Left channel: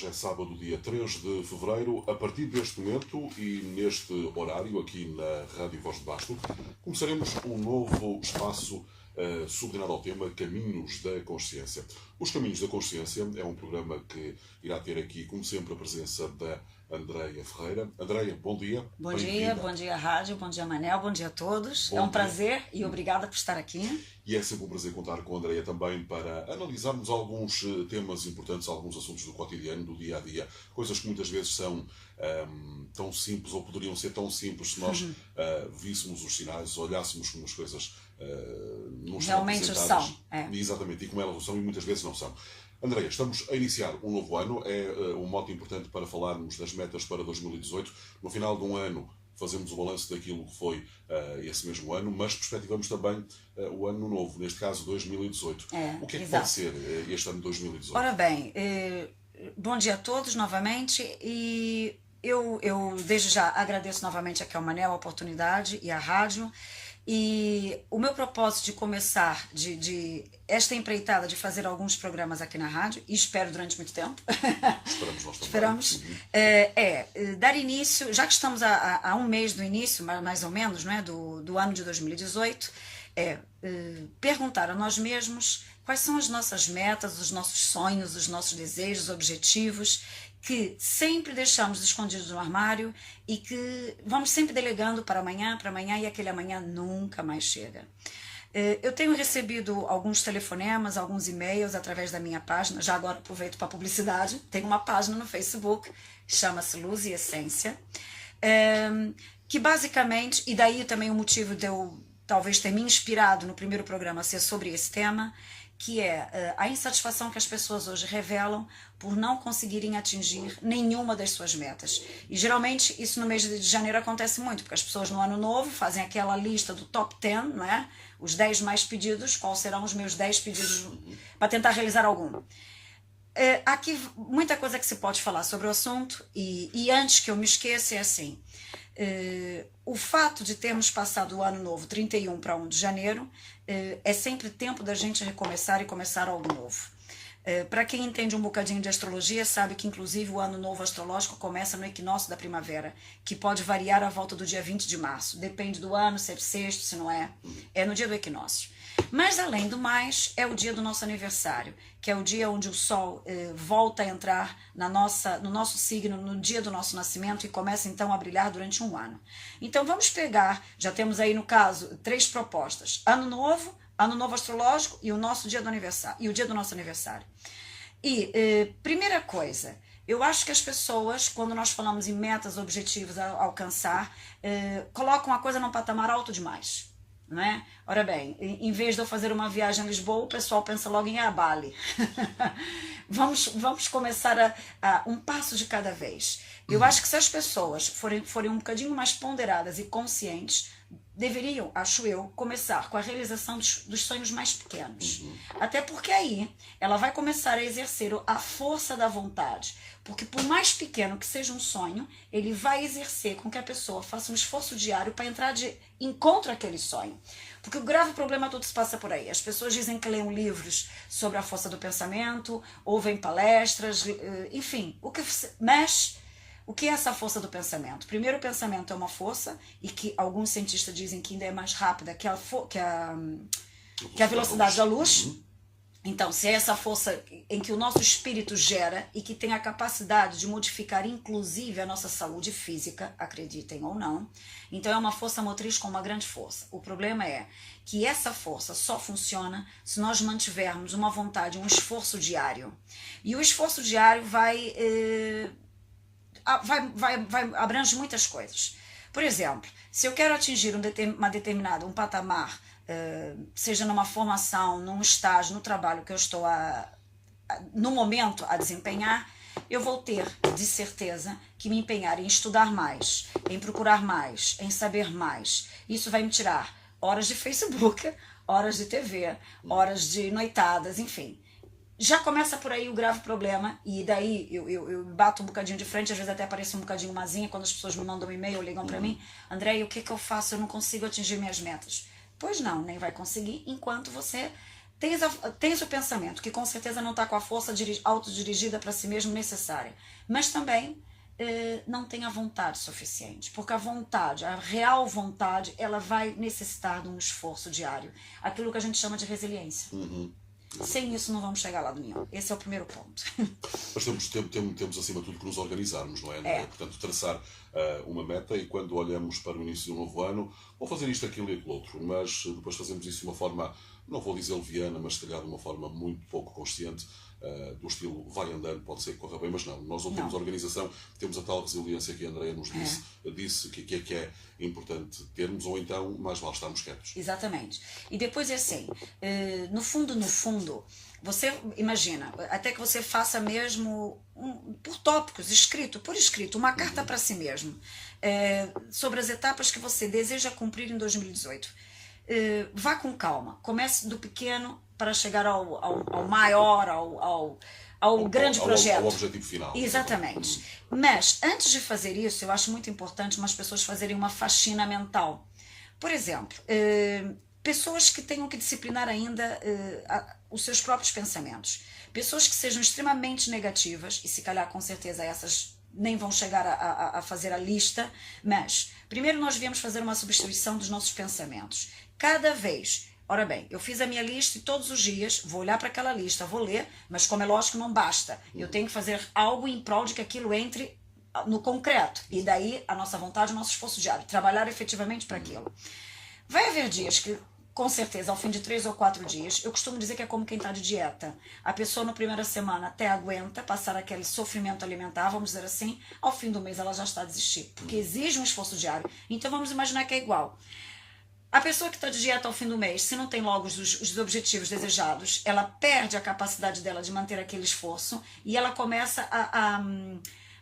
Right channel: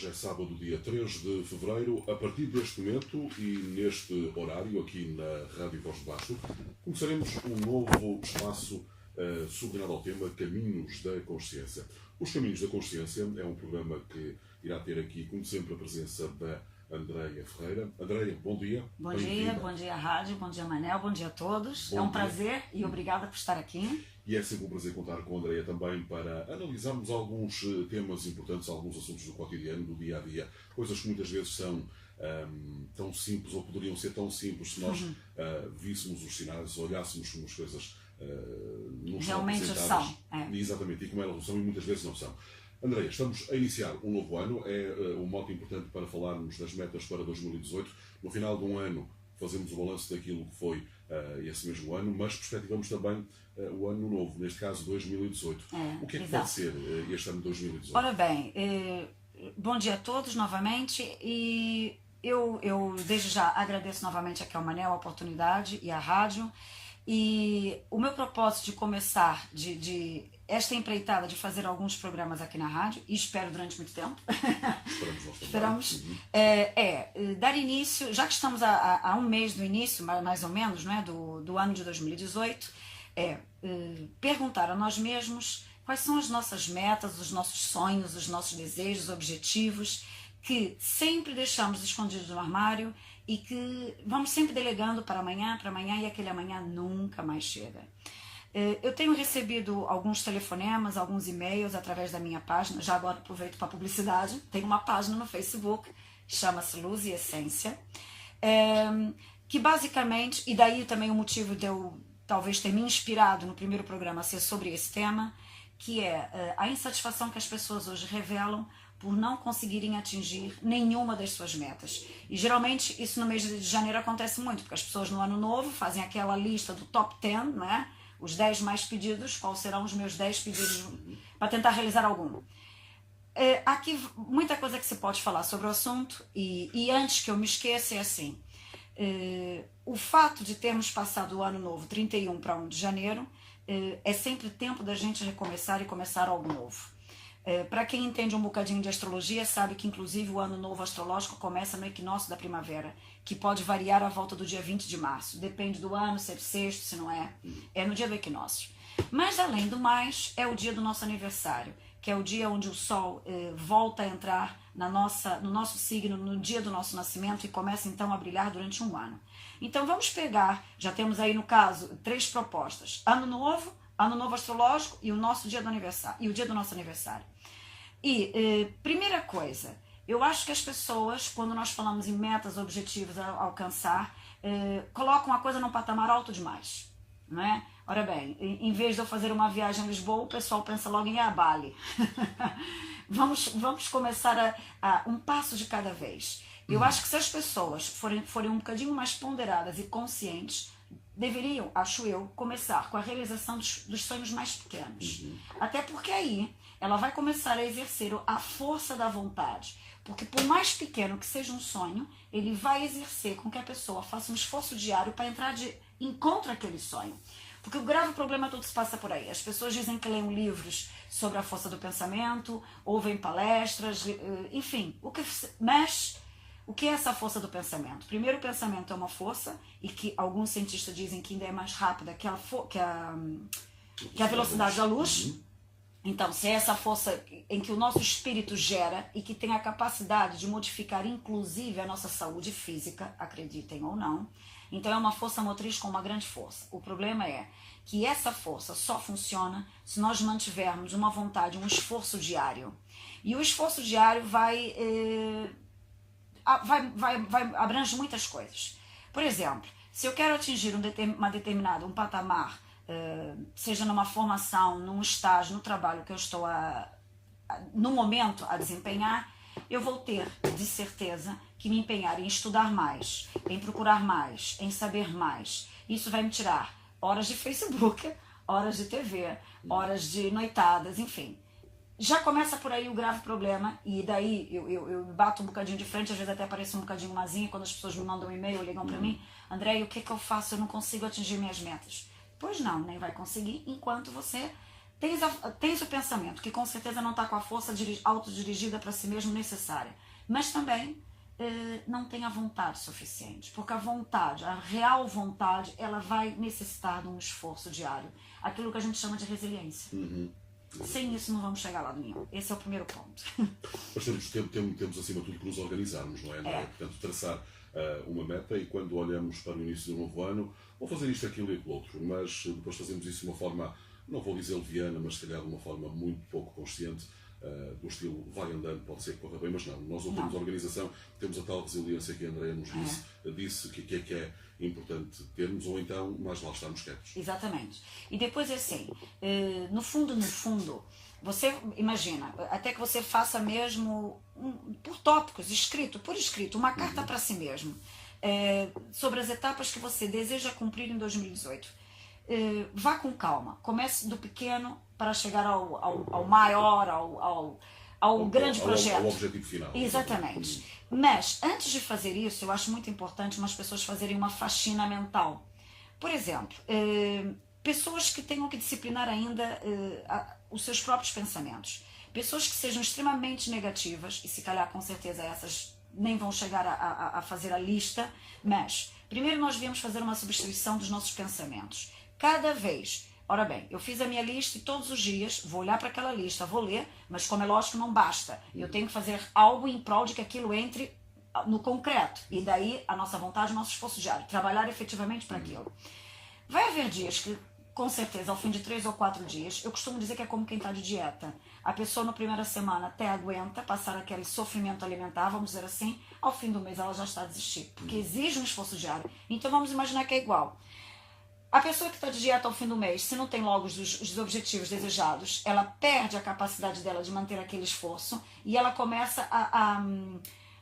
Hoje é sábado, dia 3 de fevereiro. A partir deste momento e neste horário, aqui na Rádio Voz de Basto, começaremos um novo espaço subordinado ao tema Caminhos da Consciência. Os Caminhos da Consciência é um programa que irá ter aqui, como sempre, a presença da Andreia Ferreira. Andreia, bom dia. Bom dia rádio, bom dia Manel, bom dia a todos. É um prazer e obrigada por estar aqui. E é sempre um prazer contar com a Andreia também para analisarmos alguns temas importantes, alguns assuntos do cotidiano, do dia a dia, coisas que muitas vezes são tão simples ou poderiam ser tão simples se nós víssemos os sinais, olhássemos como as coisas não realmente são. Exatamente, e como elas são e muitas vezes não são. Andreia, estamos a iniciar um novo ano, é um mote importante para falarmos das metas para 2018. No final de um ano fazemos o balanço daquilo que foi esse mesmo ano, mas perspectivamos também o ano novo, neste caso 2018. O que é que pode ser este ano de 2018? Ora bem, bom dia a todos novamente e eu desde já agradeço novamente aqui ao Manel a oportunidade e à rádio. E o meu propósito de começar, de esta empreitada de fazer alguns programas aqui na rádio, e espero durante muito tempo, esperamos, dar início, já que estamos há um mês do início, mais ou menos, não é, do ano de 2018, perguntar a nós mesmos quais são as nossas metas, os nossos sonhos, os nossos desejos, objetivos, que sempre deixamos escondidos no armário e que vamos sempre delegando para amanhã e aquele amanhã nunca mais chega. Eu tenho recebido alguns telefonemas, alguns e-mails através da minha página, já agora aproveito para publicidade, tem uma página no Facebook, chama-se Luz e Essência, que basicamente, e daí também o motivo de eu talvez ter me inspirado no primeiro programa a ser sobre esse tema, que é a insatisfação que as pessoas hoje revelam por não conseguirem atingir nenhuma das suas metas. E geralmente isso no mês de janeiro acontece muito, porque as pessoas no ano novo fazem aquela lista do top 10, não é? Os 10 mais pedidos, quais serão os meus 10 pedidos para tentar realizar algum. Aqui muita coisa que se pode falar sobre o assunto e antes que eu me esqueça é assim, o fato de termos passado o ano novo 31 para 1 de janeiro é sempre tempo da gente recomeçar e começar algo novo. Para quem entende um bocadinho de astrologia, sabe que inclusive o ano novo astrológico começa no equinócio da primavera, que pode variar à volta do dia 20 de março. Depende do ano, se é bissexto, se não é. É no dia do equinócio. Mas além do mais, é o dia do nosso aniversário, que é o dia onde o Sol volta a entrar no nosso signo, no dia do nosso nascimento e começa então a brilhar durante um ano. Então vamos pegar, já temos aí no caso 3 propostas, ano novo astrológico e o nosso dia do aniversário, e o dia do nosso aniversário. E primeira coisa, eu acho que as pessoas, quando nós falamos em metas, objetivos a alcançar, colocam a coisa num patamar alto demais. Não é? Ora bem, em vez de eu fazer uma viagem a Lisboa, o pessoal pensa logo em Bali. Vamos começar a um passo de cada vez. Eu acho que se as pessoas forem um bocadinho mais ponderadas e conscientes, deveriam, acho eu, começar com a realização dos sonhos mais pequenos. Até porque aí ela vai começar a exercer a força da vontade. Porque por mais pequeno que seja um sonho, ele vai exercer com que a pessoa faça um esforço diário para entrar de encontro àquele sonho. Porque o grave problema todo se passa por aí. As pessoas dizem que leem livros sobre a força do pensamento, ouvem palestras, enfim. Mas o que é essa força do pensamento? Primeiro, o pensamento é uma força, e que alguns cientistas dizem que ainda é mais rápida que a velocidade da luz. Então, se é essa força em que o nosso espírito gera e que tem a capacidade de modificar inclusive a nossa saúde física, acreditem ou não, então é uma força motriz com uma grande força. O problema é que essa força só funciona se nós mantivermos uma vontade, um esforço diário. E o esforço diário vai abrange muitas coisas. Por exemplo, se eu quero atingir um patamar, seja numa formação, num estágio, no trabalho que eu estou no momento a desempenhar, eu vou ter de certeza que me empenhar em estudar mais, em procurar mais, em saber mais. Isso vai me tirar horas de Facebook, horas de TV, horas de noitadas, enfim. Já começa por aí o grave problema, e daí eu bato um bocadinho de frente, às vezes até apareço um bocadinho mazinha quando as pessoas me mandam um e-mail ou ligam para mim. André, o que eu faço? Eu não consigo atingir minhas metas. Pois não, nem vai conseguir enquanto você tens o pensamento que com certeza não está com a força autodirigida para si mesmo necessária, mas também não tem a vontade suficiente, porque a vontade, a real vontade, ela vai necessitar de um esforço diário, aquilo que a gente chama de resiliência. Sem isso não vamos chegar a lado nenhum. Esse é o primeiro ponto. Mas temos acima de tudo que nos organizarmos, não é? Portanto, traçar uma meta, e quando olhamos para o início do novo ano, vou fazer isto, aquilo e aquilo outro, mas depois fazemos isso de uma forma, não vou dizer leviana, mas se calhar de uma forma muito pouco consciente, do estilo vai andando, pode ser que corra bem, mas não. Nós não temos organização, temos a tal resiliência que a Andréia nos disse que é importante termos, ou então mais vale estarmos quietos. Exatamente. E depois é assim, no fundo, você imagina, até que você faça mesmo, por tópicos, por escrito, uma carta para si mesmo, sobre as etapas que você deseja cumprir em 2018. Vá com calma, comece do pequeno para chegar ao maior, ao grande projeto. Ao objetivo final. Exatamente. Mas, antes de fazer isso, eu acho muito importante umas pessoas fazerem uma faxina mental. Por exemplo, pessoas que tenham que disciplinar ainda os seus próprios pensamentos. Pessoas que sejam extremamente negativas, e se calhar com certeza essas nem vão chegar a fazer a lista, mas primeiro nós viemos fazer uma substituição dos nossos pensamentos. Cada vez, ora bem, eu fiz a minha lista e todos os dias vou olhar para aquela lista, vou ler, mas como é lógico não basta. Eu tenho que fazer algo em prol de que aquilo entre no concreto. E daí a nossa vontade, o nosso esforço diário, trabalhar efetivamente para aquilo. Vai haver dias que, com certeza, ao fim de 3 ou 4 dias, eu costumo dizer que é como quem está de dieta. A pessoa na primeira semana até aguenta passar aquele sofrimento alimentar, vamos dizer assim, ao fim do mês ela já está a desistir, porque exige um esforço diário. Então vamos imaginar que é igual. A pessoa que está de dieta ao fim do mês, se não tem logo os objetivos desejados, ela perde a capacidade dela de manter aquele esforço e ela começa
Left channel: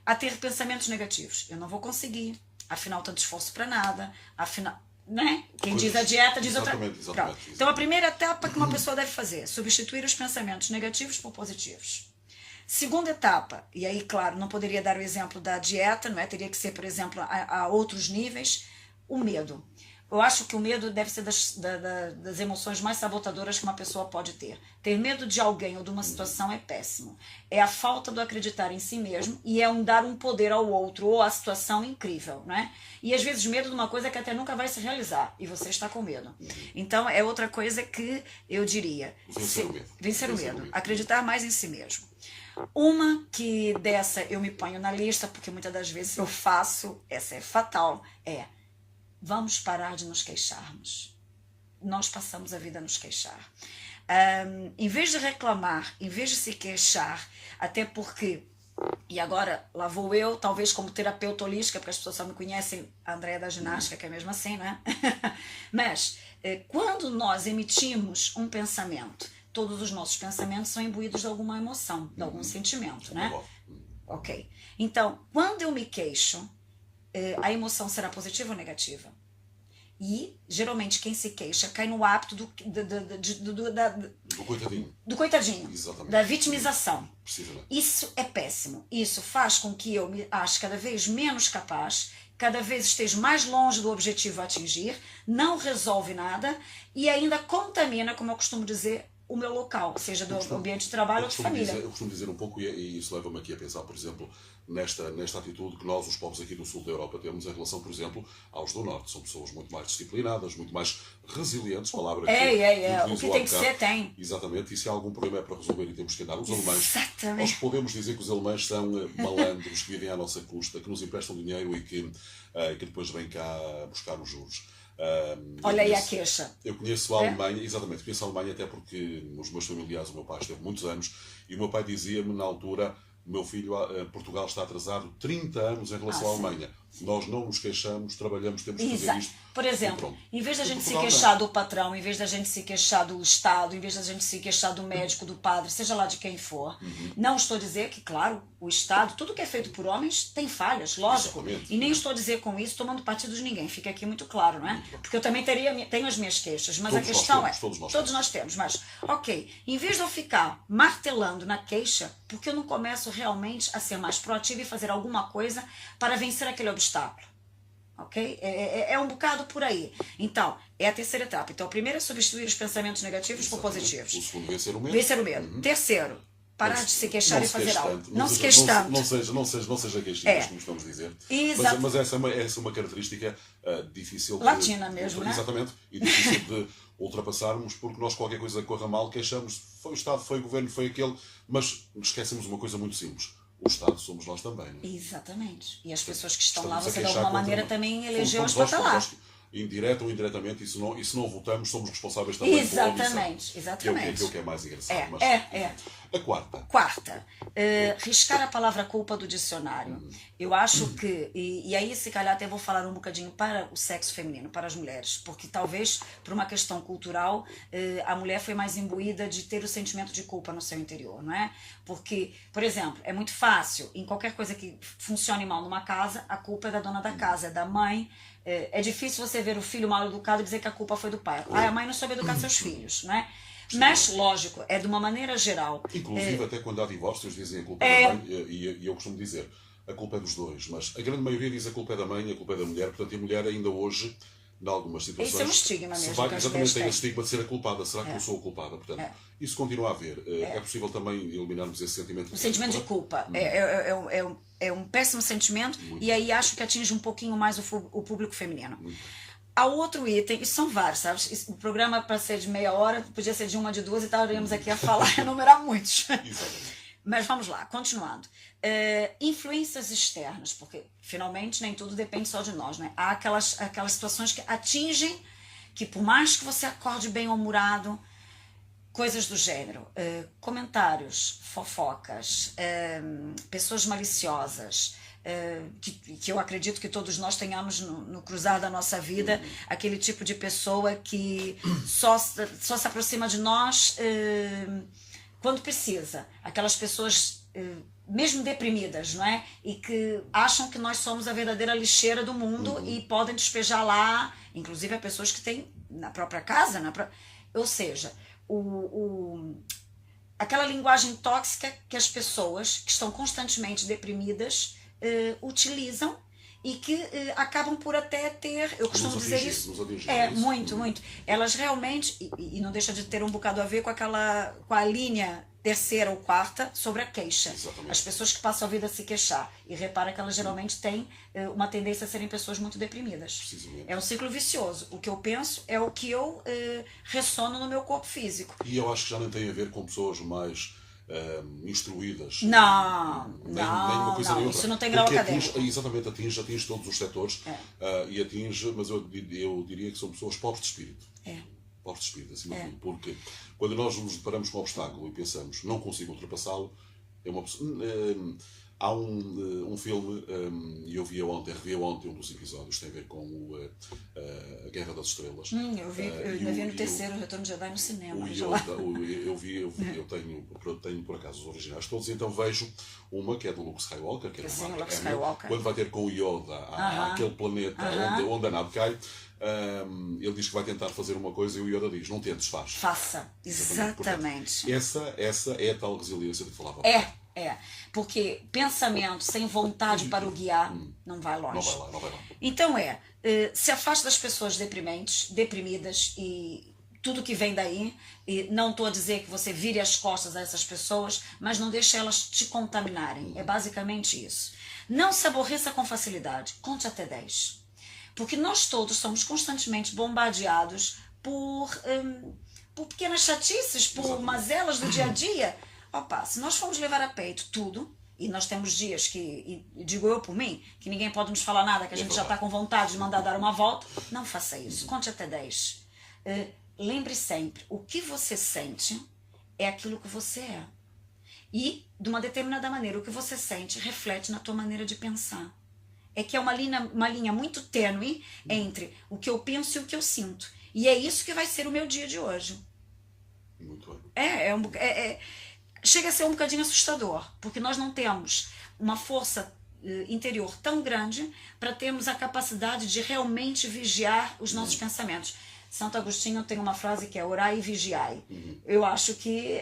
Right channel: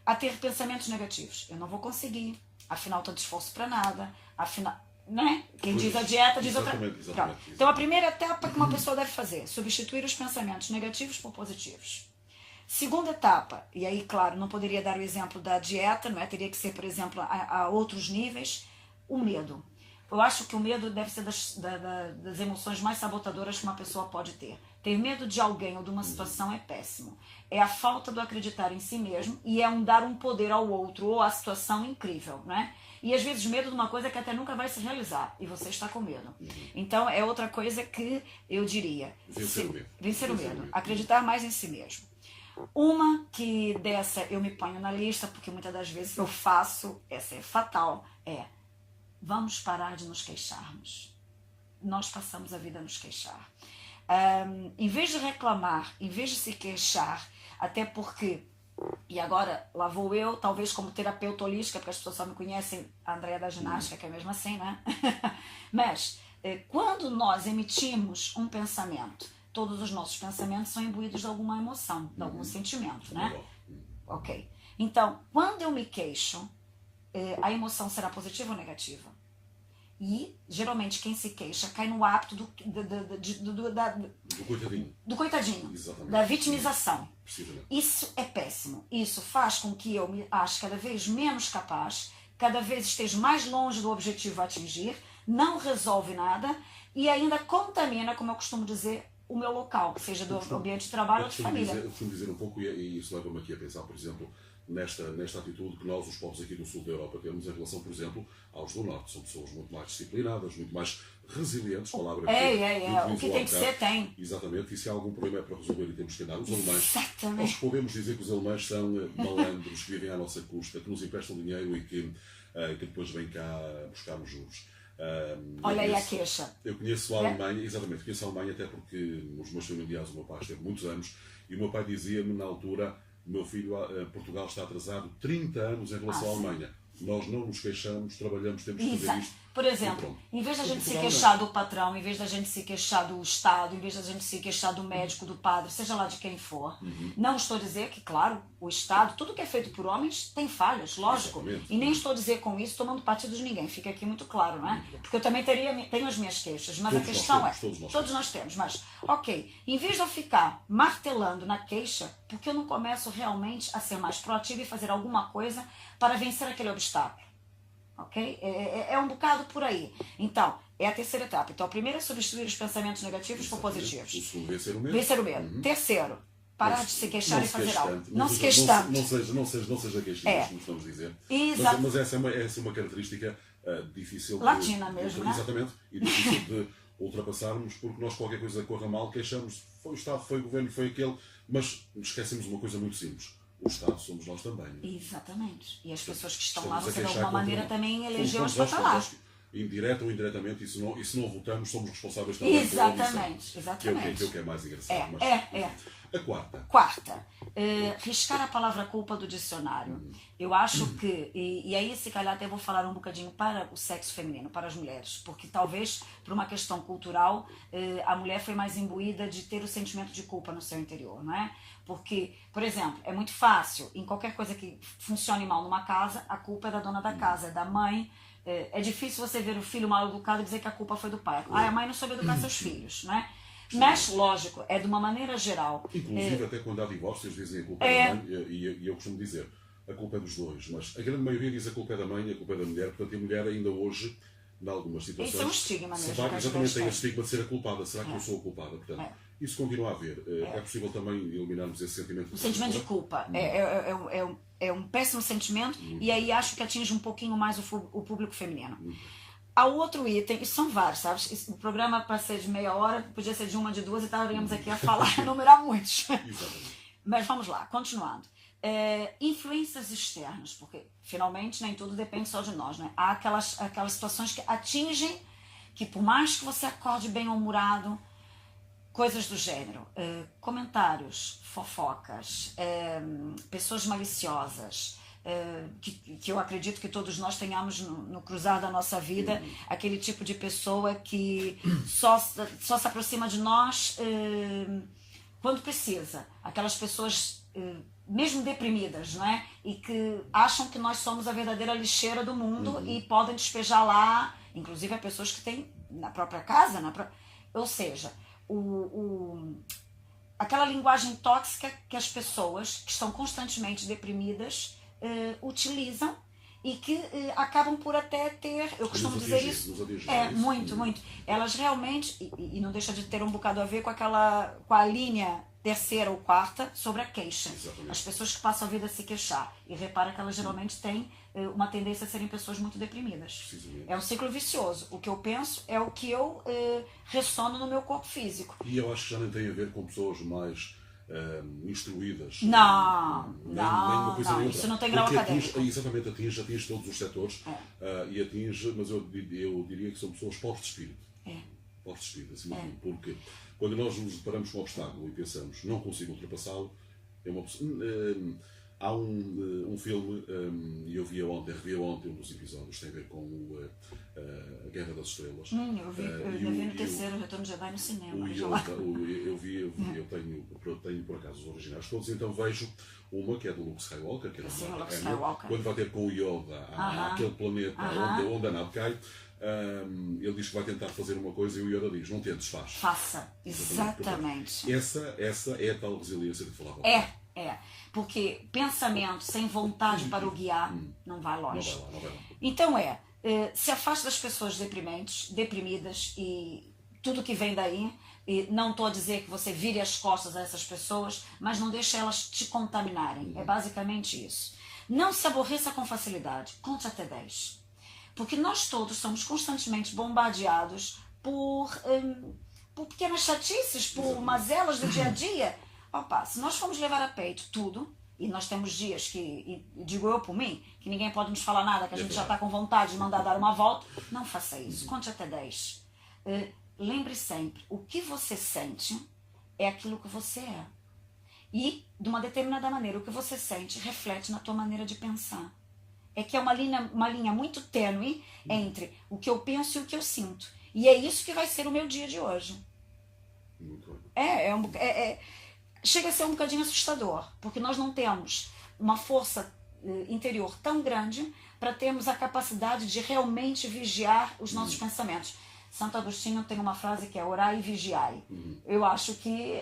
a ter pensamentos negativos. Eu não vou conseguir, afinal tanto esforço para nada, afinal, né? Quem diz a dieta diz outra. Exatamente. Então a primeira etapa que uma pessoa deve fazer, substituir os pensamentos negativos por positivos. Segunda etapa, e aí claro, não poderia dar o exemplo da dieta, não é? Teria que ser, por exemplo, a outros níveis, o medo. Eu acho que o medo deve ser das emoções mais sabotadoras que uma pessoa pode ter. Ter medo de alguém ou de uma situação é péssimo. É a falta do acreditar em si mesmo e é dar um poder ao outro ou à situação incrível, né? E às vezes medo de uma coisa que até nunca vai se realizar e você está com medo. Então é outra coisa que eu diria. Vencer o medo. Acreditar mais em si mesmo. Uma que dessa eu me ponho na lista, porque muitas das vezes eu faço, essa é fatal, vamos parar de nos queixarmos. Nós passamos a vida a nos queixar. Em vez de reclamar, em vez de se queixar, até porque, e agora lá vou eu, talvez como terapeuta holística, porque as pessoas só me conhecem a Andréia da ginástica, que é mesmo assim, né? Mas, quando nós emitimos um pensamento, todos os nossos pensamentos são imbuídos de alguma emoção, de algum sentimento, né? Ok. Então, quando eu me queixo, a emoção será positiva ou negativa? E, geralmente, quem se queixa cai no hábito do coitadinho. Do coitadinho. Exatamente. Da vitimização. Precisamente. Isso é péssimo. Isso faz com que eu me ache cada vez menos capaz, cada vez esteja mais longe do objetivo a atingir, não resolve nada e ainda contamina, como eu costumo dizer, o meu local, seja do ambiente de trabalho ou de família. Eu costumo dizer um pouco, e isso leva-me aqui a pensar, por exemplo, nesta atitude que nós, os povos aqui do sul da Europa, temos em relação, por exemplo, aos do norte. São pessoas muito mais disciplinadas, muito mais resilientes, palavra que o que tem que ser, tem. Exatamente, e se há algum problema é para resolver e temos que andar. Os alemães, exatamente. Nós podemos dizer que os alemães são malandros, que vivem à nossa custa, que nos emprestam dinheiro e que depois vêm cá buscar os juros. Olha aí a queixa. Eu conheço a Alemanha, exatamente, conheço a Alemanha até porque nos meus familiares o meu pai esteve muitos anos e o meu pai dizia-me na altura: meu filho, Portugal está atrasado 30 anos em relação à Alemanha. Nós não nos queixamos, trabalhamos, temos que fazer isto. Por exemplo, em vez da gente se queixar do patrão, em vez da gente se queixar do Estado, em vez da gente se queixar do médico, do padre, seja lá de quem for, não estou a dizer que, claro, o Estado, tudo que é feito por homens tem falhas, lógico. Exatamente. E nem estou a dizer com isso tomando partido de ninguém, fica aqui muito claro, não é? Porque eu também tenho as minhas queixas, mas Todos a questão todos nós temos, mas, ok, em vez de eu ficar martelando na queixa, porque eu não começo realmente a ser mais proativo e fazer alguma coisa para vencer aquele obstáculo? ok? É um bocado por aí. Então, é a terceira etapa. Então, a primeira é substituir os pensamentos negativos por positivos. O segundo, vencer o medo. Vencer o medo. Terceiro, parar de se queixar e fazer algo. Não se queixe queixe tanto. Não seja queixinhas, como estamos a dizer. Exato. Mas essa é uma característica difícil latina mesmo, né? Exatamente. E difícil de ultrapassarmos, porque nós, qualquer coisa que corra mal, queixamos. Foi o Estado, foi o Governo, foi aquele. Mas esquecemos uma coisa muito simples. O Estado somos nós também. Exatamente. E as pessoas que estão Estamos lá, a você de queixar alguma contra maneira nós. também elegeu-as para estar Fomos lá. nós, indireta ou indiretamente, e se não votamos, somos responsáveis também pela eleição. Exatamente, exatamente. Que é o que é mais engraçado. Mas, A quarta. Quarta, riscar a palavra culpa do dicionário. Eu acho que, e aí se calhar até vou falar um bocadinho para o sexo feminino, para as mulheres, porque talvez por uma questão cultural a mulher foi mais imbuída de ter o sentimento de culpa no seu interior, não é? Porque, por exemplo, é muito fácil, em qualquer coisa que funcione mal numa casa, a culpa é da dona da casa, é da mãe. É difícil você ver o filho mal educado e dizer que a culpa foi do pai. A mãe não soube educar seus filhos, não é? Mas, lógico, é de uma maneira geral. Inclusive, até quando há divórcios, dizem a culpa é da mãe, e eu costumo dizer, a culpa é dos dois, mas a grande maioria diz a culpa é da mãe, a culpa é da mulher, portanto, a mulher ainda hoje, em algumas situações... Isso é um estigma mesmo. Exatamente, tem esse estigma de ser a culpada. Será que eu sou a culpada? Portanto, isso continua a haver. É possível também eliminarmos esse sentimento. O sentimento de culpa. É um péssimo sentimento e aí acho que atinge um pouquinho mais o público feminino. Há outro item, isso são vários, sabe? O programa, para ser de meia hora, podia ser de uma, de duas, e estaríamos aqui a falar, enumerar muitos. Mas vamos lá, continuando. Influências externas, porque finalmente nem tudo depende só de nós, né? Há aquelas situações que atingem, que por mais que você acorde bem-humorado, coisas do gênero, comentários, fofocas, pessoas maliciosas, que eu acredito que todos nós tenhamos no cruzar da nossa vida, aquele tipo de pessoa que só se aproxima de nós quando precisa. Aquelas pessoas mesmo deprimidas, não é? E que acham que nós somos a verdadeira lixeira do mundo e podem despejar lá, inclusive a pessoas que têm na própria casa, ou seja, aquela linguagem tóxica que as pessoas que estão constantemente deprimidas utilizam e que acabam por até ter, eu costumo dizer isso, muito. Elas realmente, e não deixa de ter um bocado a ver com a linha terceira ou quarta sobre a queixa. Exatamente. As pessoas que passam a vida a se queixar, e repara que elas geralmente têm uma tendência a serem pessoas muito deprimidas. É um ciclo vicioso. O que eu penso é o que eu ressono no meu corpo físico. E eu acho que já nem tem a ver com pessoas mais instruídas. Não, isso não tem grau porque académico. Exatamente, atinge todos os setores e atinge, mas eu diria que são pessoas pobres de espírito. Pobres de espírito, acima de tudo, porque quando nós nos deparamos com um obstáculo e pensamos não consigo ultrapassá-lo, é uma pessoa. Há um filme, e eu revi ontem um dos episódios, tem a ver com a Guerra das Estrelas. Eu ainda vi no terceiro, o Retorno de Jedi no cinema. Eu tenho por acaso os originais todos, então vejo uma que é do Luke Skywalker, que é Sim, Luke Skywalker. Quando vai ter com o Yoda àquele planeta onde a nave cai, ele diz que vai tentar fazer uma coisa e o Yoda diz, não tentes, faz. Faça, exatamente. Portanto, essa é a tal resiliência de que falava. Porque pensamento sem vontade para o guiar não vai longe. Não vai lá. Então se afaste das pessoas deprimidas e tudo que vem daí. E não estou a dizer que você vire as costas a essas pessoas, mas não deixe elas te contaminarem. É basicamente isso. Não se aborreça com facilidade. Conte até 10. Porque nós todos somos constantemente bombardeados por pequenas chatices, por mazelas do dia a dia. Opa, se nós formos levar a peito tudo, e nós temos dias que, e digo eu por mim, que ninguém pode nos falar nada, que a gente já está com vontade de mandar dar uma volta, não faça isso. Conte até 10. Lembre sempre, o que você sente é aquilo que você é. E, de uma determinada maneira, o que você sente reflete na tua maneira de pensar. É que é uma linha muito tênue entre o que eu penso e o que eu sinto. E é isso que vai ser o meu dia de hoje. Muito bem. Chega a ser um bocadinho assustador, porque nós não temos uma força interior tão grande para termos a capacidade de realmente vigiar os nossos pensamentos. Santo Agostinho tem uma frase que é orai e vigiai. Eu acho que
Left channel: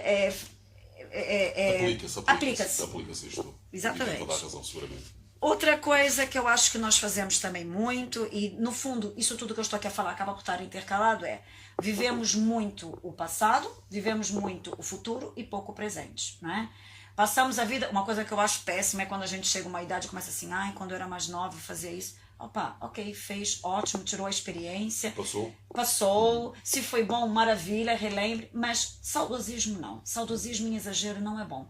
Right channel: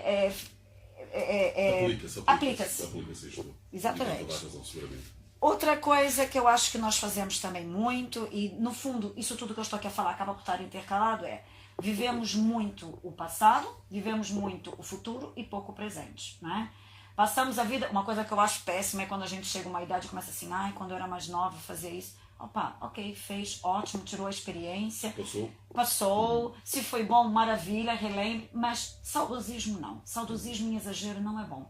aplica-se isto. Exatamente. Tem toda a razão, seguramente. Outra coisa que eu acho que nós fazemos também muito, e no fundo, isso tudo que eu estou aqui a falar acaba por estar intercalado, é vivemos muito o passado, vivemos muito o futuro e pouco o presente, não é? Passamos a vida, uma coisa que eu acho péssima é quando a gente chega a uma idade e começa assim, ai, quando eu era mais nova eu fazia isso. Opa, ok, fez, ótimo, tirou a experiência. Passou, se foi bom, maravilha, relembre, mas saudosismo não. Saudosismo em exagero não é bom.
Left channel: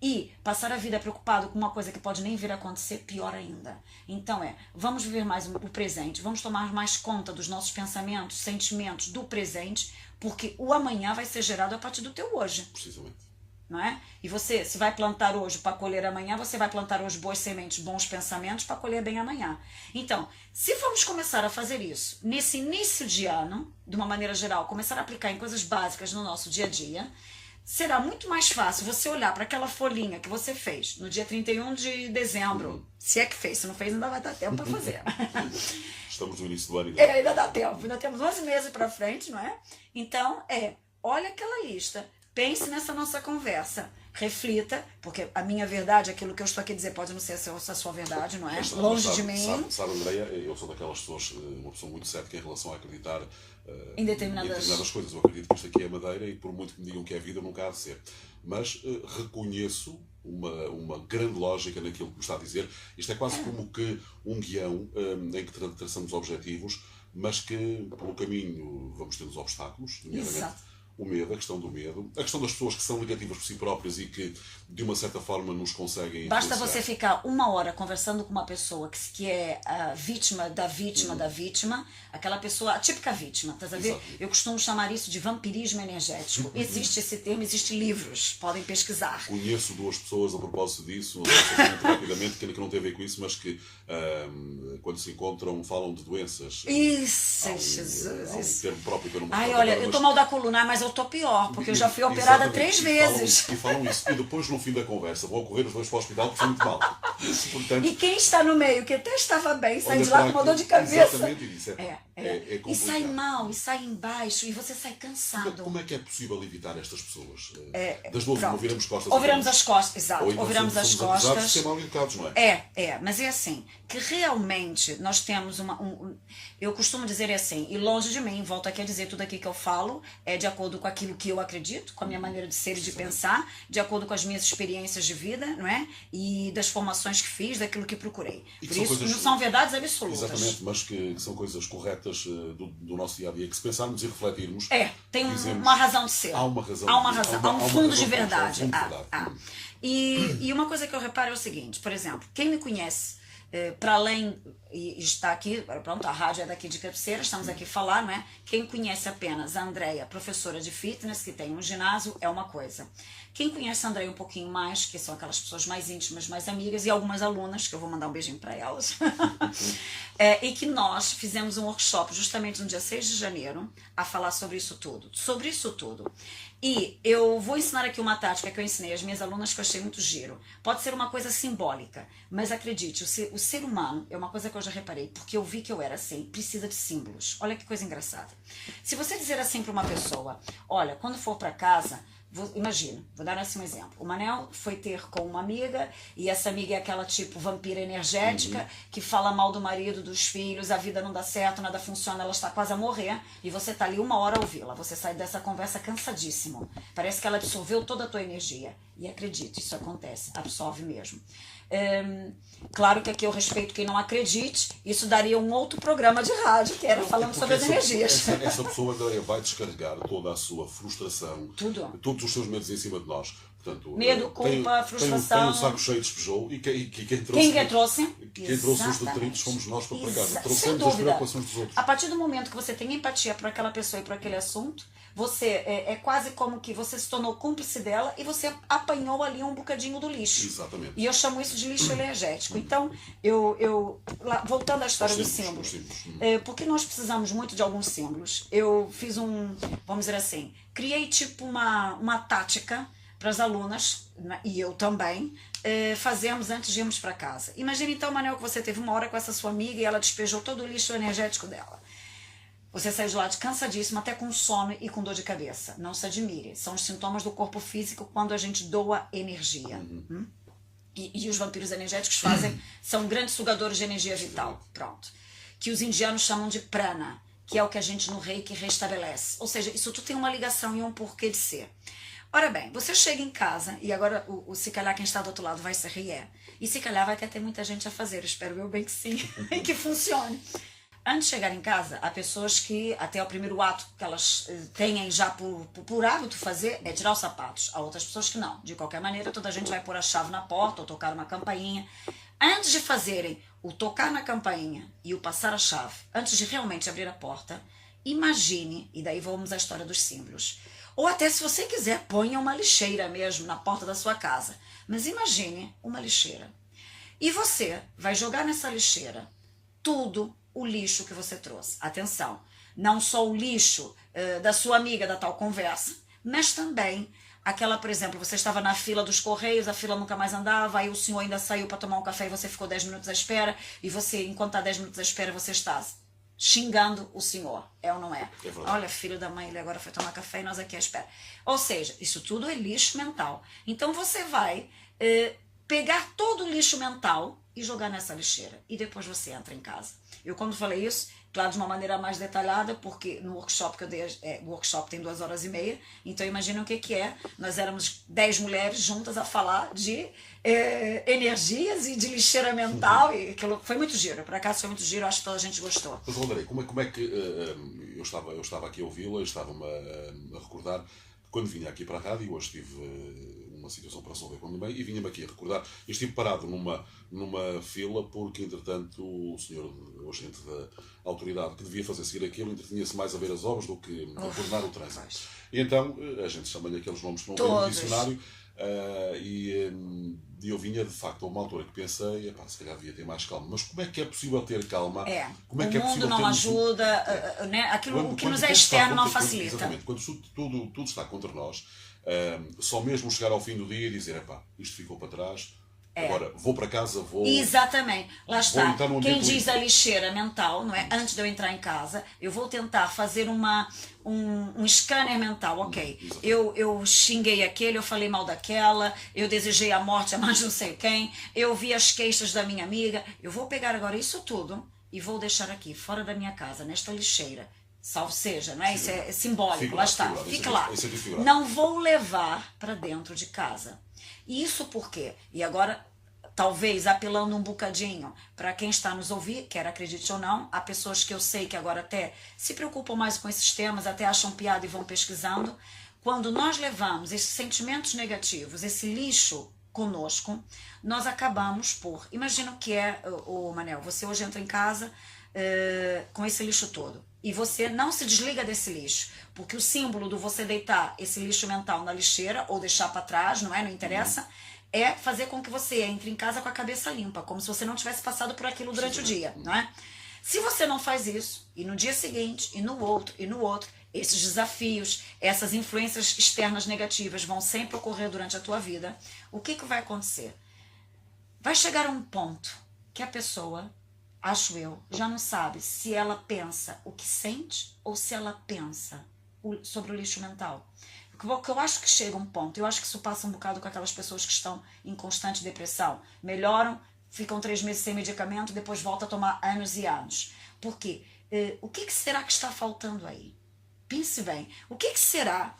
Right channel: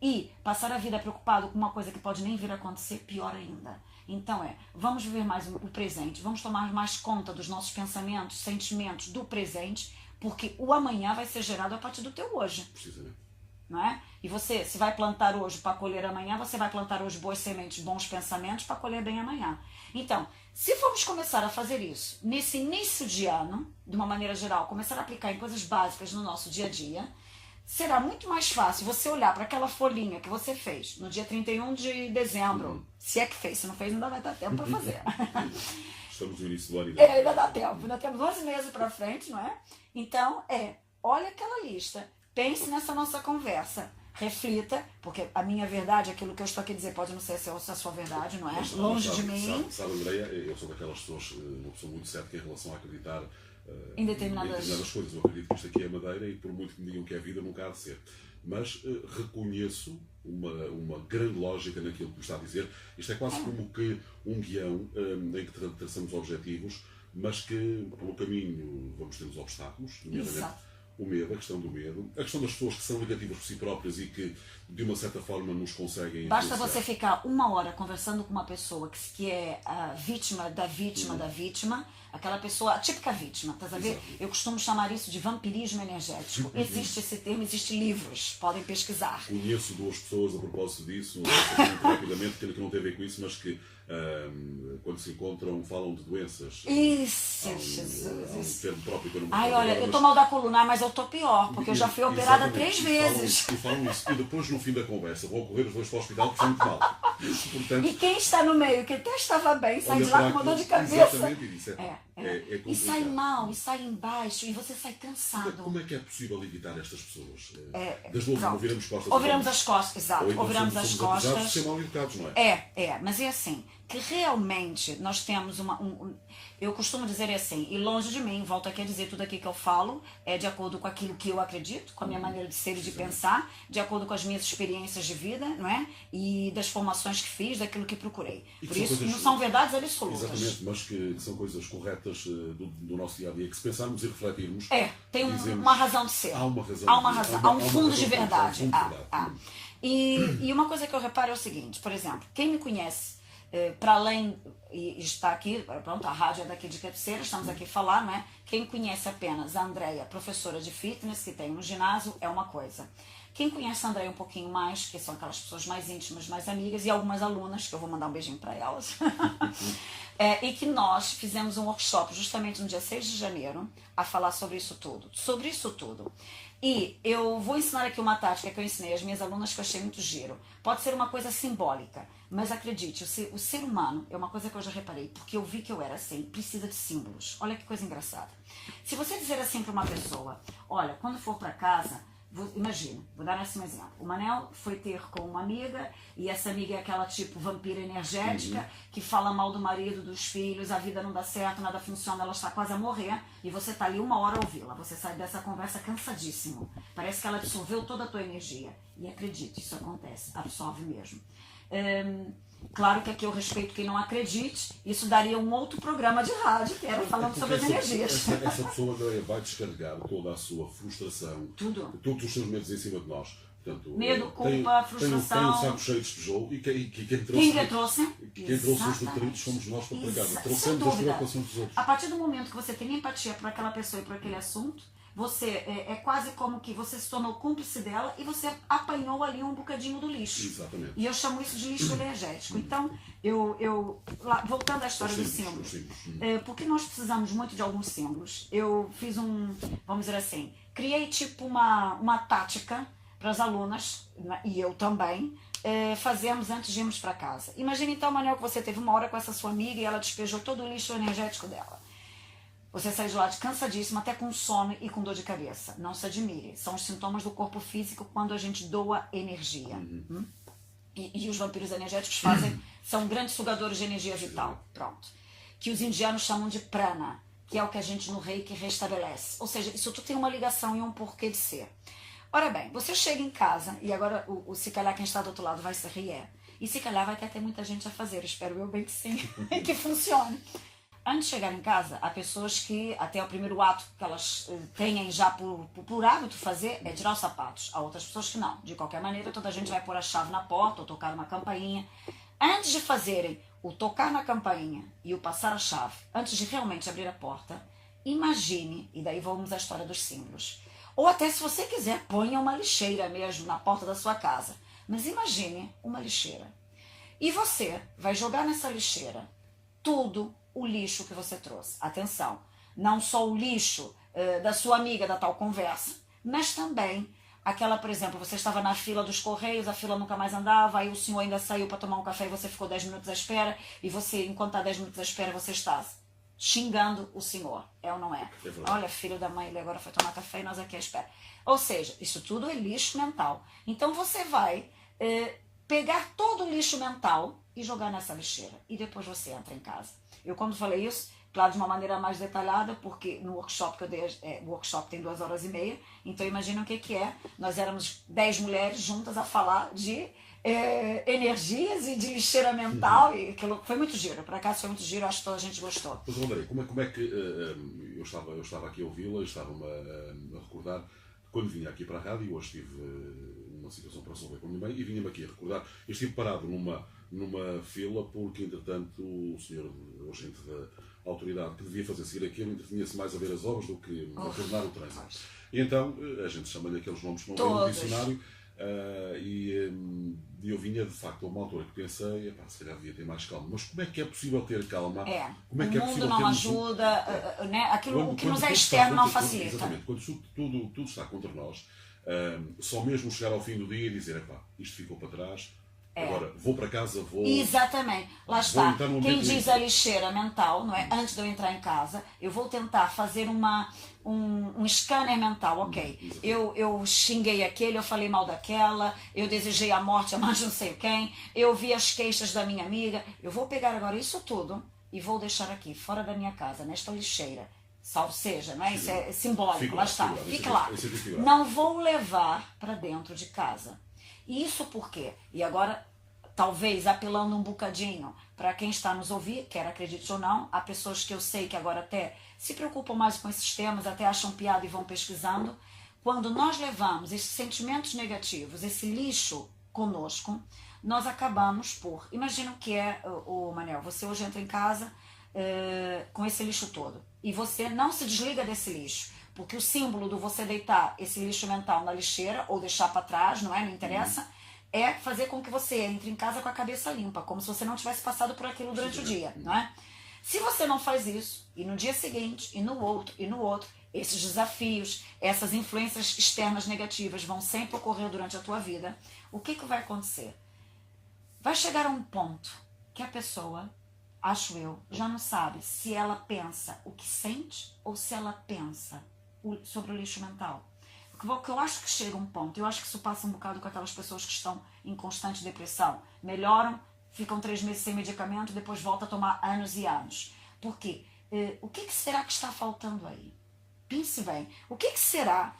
E passar a vida preocupado com uma coisa que pode nem vir a acontecer, pior ainda. Então vamos viver mais o presente, vamos tomar mais conta dos nossos pensamentos, sentimentos do presente, porque o amanhã vai ser gerado a partir do teu hoje. Precisamente. Não é? E você, se vai plantar hoje para colher amanhã, você vai plantar hoje boas sementes, bons pensamentos para colher bem amanhã. Então, se formos começar a fazer isso nesse início de ano, de uma maneira geral, começar a aplicar em coisas básicas no nosso dia a dia, será muito mais fácil você olhar para aquela folhinha que você fez no dia 31 de dezembro, se é que fez, se não fez ainda vai dar tempo para fazer. Estamos no início do ano. Ainda dá tempo, ainda temos 11 meses para frente, não é? Então, olha aquela lista, pense nessa nossa conversa, reflita, porque a minha verdade, aquilo que eu estou aqui a dizer, pode não ser a sua verdade, não é? Longe de mim. Sabe, Andréia, eu sou daquelas pessoas, uma pessoa muito cética em relação a acreditar em determinadas coisas. Eu acredito que isto aqui é madeira e por muito que me digam que é vida, nunca há de ser. Mas reconheço uma grande lógica naquilo que me está a dizer. Isto é quase como que um guião em que traçamos objetivos, mas que pelo caminho vamos ter os obstáculos, Exato. O medo, a questão do medo, a questão das pessoas que são negativas por si próprias e que de uma certa forma nos conseguem Basta influenciar. você ficar uma hora conversando com uma pessoa que é a vítima da vítima da vítima, aquela pessoa, a típica vítima, tá a ver? Exato. Eu costumo chamar isso de vampirismo energético. Existe esse termo, existem livros, podem pesquisar. Conheço duas pessoas a propósito disso, não sei muito rapidamente, que não tem a ver com isso, mas que quando se encontram falam de doenças. Isso, Jesus. Há um termo próprio que eu não me Ai, recordo olha, agora, eu tô mal da coluna, mas eu tô pior, porque eu já fui operada 3 vezes. E falam isso. E depois, no fim da conversa, vão correr os dois para o hospital porque foi muito mal. Portanto, E quem está no meio, que até estava bem, sai de lá com uma dor de cabeça. Exatamente isso. É E sai mal, e sai embaixo, e você sai cansado. Como é que é possível evitar estas pessoas? Das novo, não viramos costas. Ou viramos as costas, exato. Ou viramos as somos acusados costas. de ser mal educados, não é? Mas é assim, que realmente nós temos eu costumo dizer assim, e longe de mim, volto aqui a dizer, tudo aqui que eu falo é de acordo com aquilo que eu acredito, com a minha maneira de ser e de pensar, de acordo com as minhas experiências de vida, não é? E das formações que fiz, daquilo que procurei. Por isso, não são verdades absolutas. Exatamente, mas que são coisas corretas do nosso dia-a-dia, que se pensarmos e refletirmos... Tem uma razão de ser. Há uma razão. Há um fundo de verdade. E uma coisa que eu reparo é o seguinte, por exemplo, quem me conhece, para além, e está aqui, pronto, a rádio é daqui de Cabeceira, estamos aqui a falar, não é? Quem conhece apenas a Andréia, professora de fitness, que tem um ginásio, é uma coisa. Quem conhece a Andréia um pouquinho mais, que são aquelas pessoas mais íntimas, mais amigas, e algumas alunas, que eu vou mandar um beijinho para elas, e que nós fizemos um workshop justamente no dia 6 de janeiro, a falar sobre isso tudo. E eu vou ensinar aqui uma tática que eu ensinei às minhas alunas que eu achei muito giro. Pode ser uma coisa simbólica, mas acredite, o ser humano é uma coisa que eu já reparei, porque eu vi que eu era assim, precisa de símbolos. Olha que coisa engraçada. Se você dizer assim para uma pessoa, olha, quando for para casa, imagina, vou dar assim um exemplo. O Manel foi ter com uma amiga, e essa amiga é aquela tipo vampira energética, que fala mal do marido, dos filhos, a vida não dá certo, nada funciona, ela está quase a morrer, e você está ali uma hora a ouvi-la. Você sai dessa conversa cansadíssimo. Parece que ela absorveu toda a tua energia. E acredite, isso acontece, absorve mesmo. Claro que aqui eu respeito quem não acredite, isso daria um outro programa de rádio, que era falando sobre as energias. Essa pessoa vai descarregar toda a sua frustração, todos os seus medos em cima de nós. Portanto, medo, culpa, frustração. Tem um saco cheio, despejou, e quem trouxe os detritos fomos nós para casa. Trouxemos as preocupações dos outros. A partir do momento que você tem empatia por aquela pessoa e por aquele assunto, você é quase como que você se tornou cúmplice dela e você apanhou ali um bocadinho do lixo. Exatamente. E eu chamo isso de lixo energético. Então, voltando à história dos símbolos, porque nós precisamos muito de alguns símbolos. Eu fiz vamos dizer assim, criei tipo uma tática para as alunas, e eu também, fazemos antes de irmos para casa. Imagina então, Manel, que você teve uma hora com essa sua amiga e ela despejou todo o lixo energético dela. Você sai de lá cansadíssimo, até com sono e com dor de cabeça. Não se admire. São os sintomas do corpo físico quando a gente doa energia. e os vampiros energéticos são grandes sugadores de energia vital, pronto. Que os indianos chamam de prana, que é o que a gente no Reiki restabelece. Ou seja, isso tudo tem uma ligação e um porquê de ser. Ora bem, você chega em casa, e agora se calhar quem está do outro lado vai se rir, e se calhar vai até ter muita gente a fazer, eu espero eu bem que sim, e que funcione. Antes de chegar em casa, há pessoas que até o primeiro ato que elas têm já por hábito fazer é tirar os sapatos. Há outras pessoas que não. De qualquer maneira, toda a gente vai pôr a chave na porta ou tocar uma campainha. Antes de fazerem o tocar na campainha e o passar a chave, antes de realmente abrir a porta, imagine, e daí vamos à história dos símbolos. Ou até se você quiser, ponha uma lixeira mesmo na porta da sua casa. Mas imagine uma lixeira. E você vai jogar nessa lixeira tudo o lixo que você trouxe. Atenção, não só o lixo da sua amiga da tal conversa, mas também aquela, por exemplo, você estava na fila dos Correios, a fila nunca mais andava, aí o senhor ainda saiu para tomar um café e você ficou 10 minutos à espera, e você, enquanto está 10 minutos à espera, você está xingando o senhor. É ou não é? Olha, filho da mãe, ele agora foi tomar café e nós aqui à espera. Ou seja, isso tudo é lixo mental. Então você vai pegar todo o lixo mental e jogar nessa lixeira. E depois você entra em casa. Eu, quando falei isso, claro, de uma maneira mais detalhada, porque no workshop que eu dei, o workshop tem 2h30, então imagina o que é. Nós éramos 10 mulheres juntas a falar de energias e de lixeira mental, e aquilo foi muito giro. Por acaso foi muito giro, acho que toda a gente gostou. Mas, André, como é que eu estava aqui a ouvi-la, estava-me a recordar, quando vinha aqui para a rádio, hoje tive uma situação para resolver com a minha mãe, e vinha-me aqui a recordar, eu estive parado numa fila, porque entretanto o senhor, o agente da autoridade que devia fazer seguir aquilo, entretinha-se mais a ver as obras do que a coordenar o trânsito. E então a gente chama-lhe aqueles nomes que não tem no dicionário, e eu vinha, de facto, a uma altura que pensei, se calhar devia ter mais calma. Mas como é que é possível ter calma? Como é que o mundo não ajuda, né? Aquilo que nos é externo não facilita. Exatamente, quando tudo está contra nós, só mesmo chegar ao fim do dia e dizer, isto ficou para trás, agora vou para casa, vou... Exatamente, lá está. Quem diz a lixeira mental, não é? Antes de eu entrar em casa, eu vou tentar fazer um scanner mental, ok. Eu xinguei aquele, eu falei mal daquela, eu desejei a morte a mais não sei quem, eu vi as queixas da minha amiga, eu vou pegar agora isso tudo e vou deixar aqui, fora da minha casa, nesta lixeira. Salvo seja, não é? Isso é simbólico, lá está. Fique lá. Não vou levar para dentro de casa. Isso por quê? E agora, talvez apelando um bocadinho para quem está nos ouvir, quer acredite ou não, há pessoas que eu sei que agora até se preocupam mais com esses temas, até acham piada e vão pesquisando. Quando nós levamos esses sentimentos negativos, esse lixo conosco, nós acabamos por... Imagina o que é, Manel, você hoje entra em casa com esse lixo todo. E você não se desliga desse lixo, porque o símbolo do você deitar esse lixo mental na lixeira ou deixar para trás, não interessa, é fazer com que você entre em casa com a cabeça limpa, como se você não tivesse passado por aquilo durante o dia, não é? Se você não faz isso, e no dia seguinte, e no outro, esses desafios, essas influências externas negativas vão sempre ocorrer durante a tua vida, o que vai acontecer? Vai chegar a um ponto que a pessoa... acho eu, já não sabe se ela pensa o que sente ou se ela pensa sobre o lixo mental. Porque eu acho que chega um ponto, eu acho que isso passa um bocado com aquelas pessoas que estão em constante depressão. Melhoram, ficam 3 meses sem medicamento, depois voltam a tomar anos e anos. Por quê? O que será que está faltando aí? Pense bem. O que será?